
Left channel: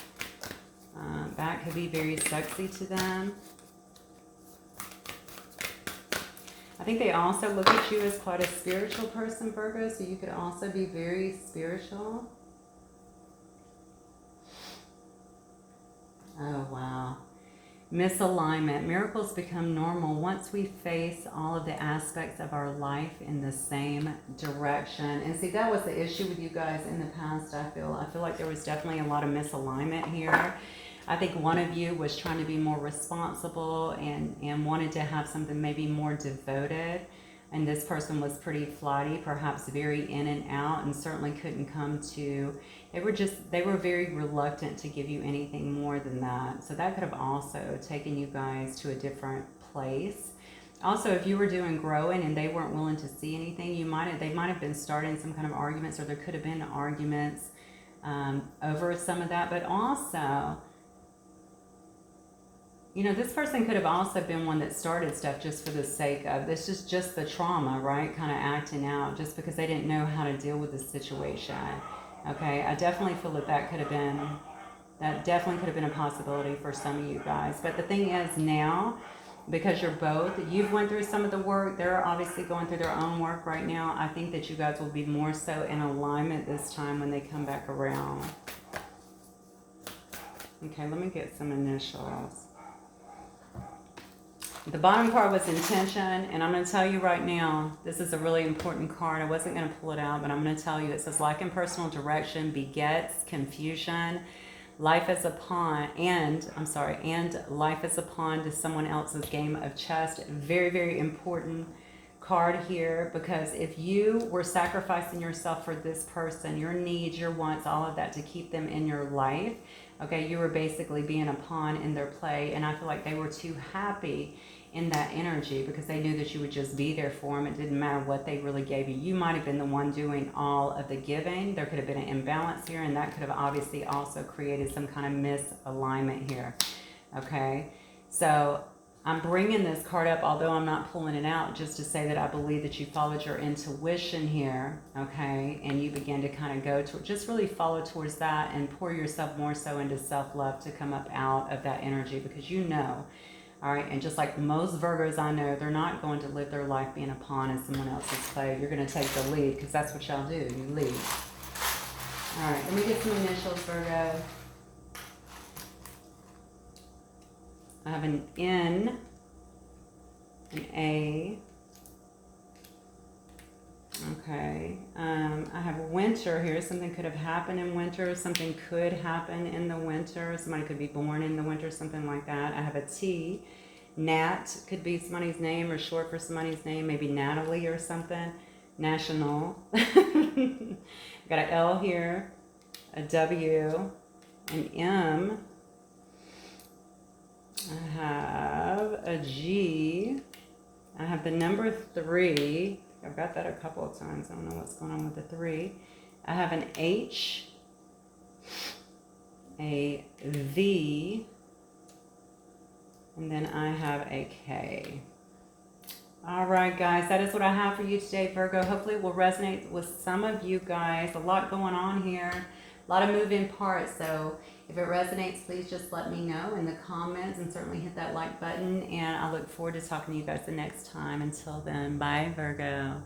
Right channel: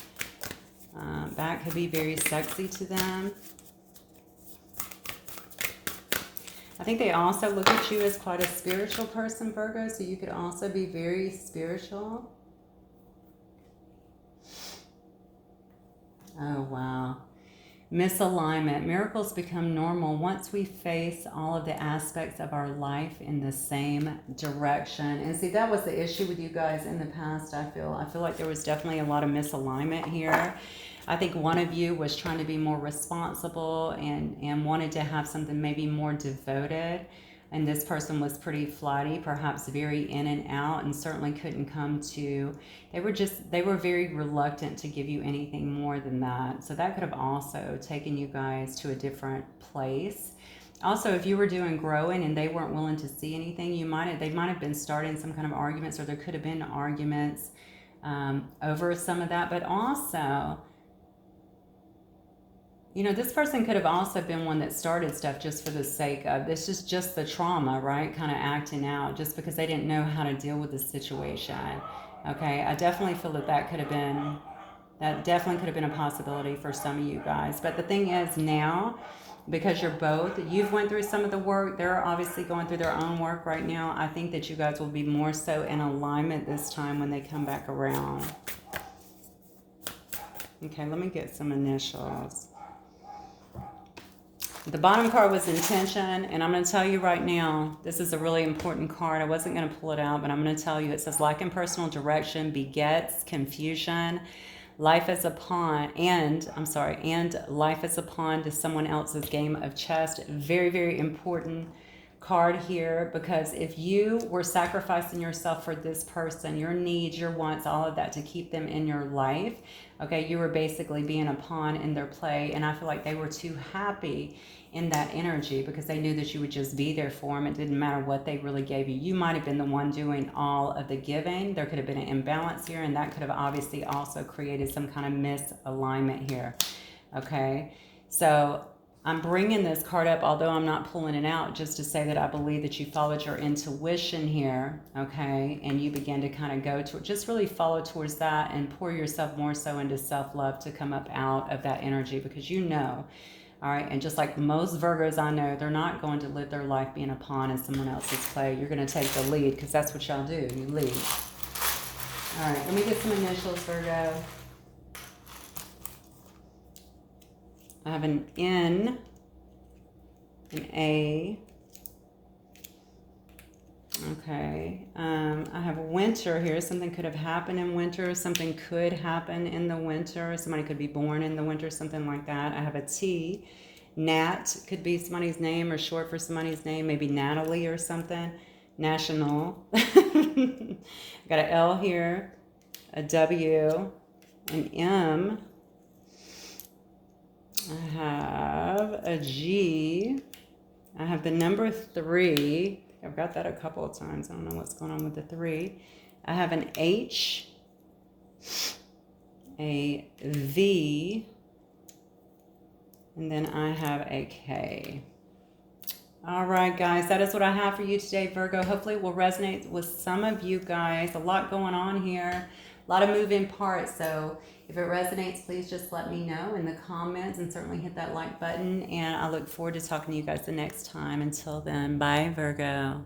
Back could be very sexy to them. I think they also look at you as quite a spiritual person, Virgo, so you could also be very spiritual. Oh, wow. Misalignment. Miracles become normal once we face all of the aspects of our life in the same direction. And see, that was the issue with you guys in the past, I feel. I feel like there was definitely a lot of misalignment here. I think one of you was trying to be more responsible and wanted to have something maybe more devoted. And this person was pretty flighty, perhaps very in and out, and certainly couldn't come to, they were very reluctant to give you anything more than that. So that could have also taken you guys to a different place. Also, if you were doing growing and they weren't willing to see anything, they might have been starting some kind of arguments, or there could have been arguments over some of that. But also, you know, this person could have also been one that started stuff just for the sake of, this is just the trauma, right? Kind of acting out just because they didn't know how to deal with the situation. Okay, I definitely feel that that definitely could have been a possibility for some of you guys. But the thing is now, because you're both, you've went through some of the work, they're obviously going through their own work right now. I think that you guys will be more so in alignment this time when they come back around. Okay, let me get some initials. The bottom card was intention, and I'm going to tell you right now, this is a really important card. I wasn't going to pull it out, but I'm going to tell you. It says, lack in personal direction begets confusion. Life is a pawn, and life is a pawn to someone else's game of chess. Very, very important card here, because if you were sacrificing yourself for this person, your needs, your wants, all of that to keep them in your life, okay, you were basically being a pawn in their play. And I feel like they were too happy in that energy because they knew that you would just be there for them. It didn't matter what they really gave you. You might have been the one doing all of the giving. There could have been an imbalance here, and that could have obviously also created some kind of misalignment here. Okay, so I'm bringing this card up, although I'm not pulling it out, just to say that I believe that you followed your intuition here, okay, and you begin to kind of go to just really follow towards that and pour yourself more so into self-love to come up out of that energy, because you know. All right, and just like most Virgos I know, they're not going to live their life being a pawn in someone else's play. You're going to take the lead, because that's what y'all do. You lead. All right, let me get some initials, Virgo. I have an N, an A. Okay, I have winter here. Something could have happened in winter. Something could happen in the winter. Somebody could be born in the winter, something like that. I have a T. Nat could be somebody's name or short for somebody's name, maybe Natalie or something. National. Got an L here, a W, an M. I have a G. I have the number 3. I've got that a couple of times. I don't know what's going on with the 3. I have an H, a V, and then I have a K. All right, guys, that is what I have for you today, Virgo. Hopefully it will resonate with some of you guys. A lot going on here, a lot of moving parts. So if it resonates, please just let me know in the comments, and certainly hit that like button. And I look forward to talking to you guys the next time. Until then, bye, Virgo.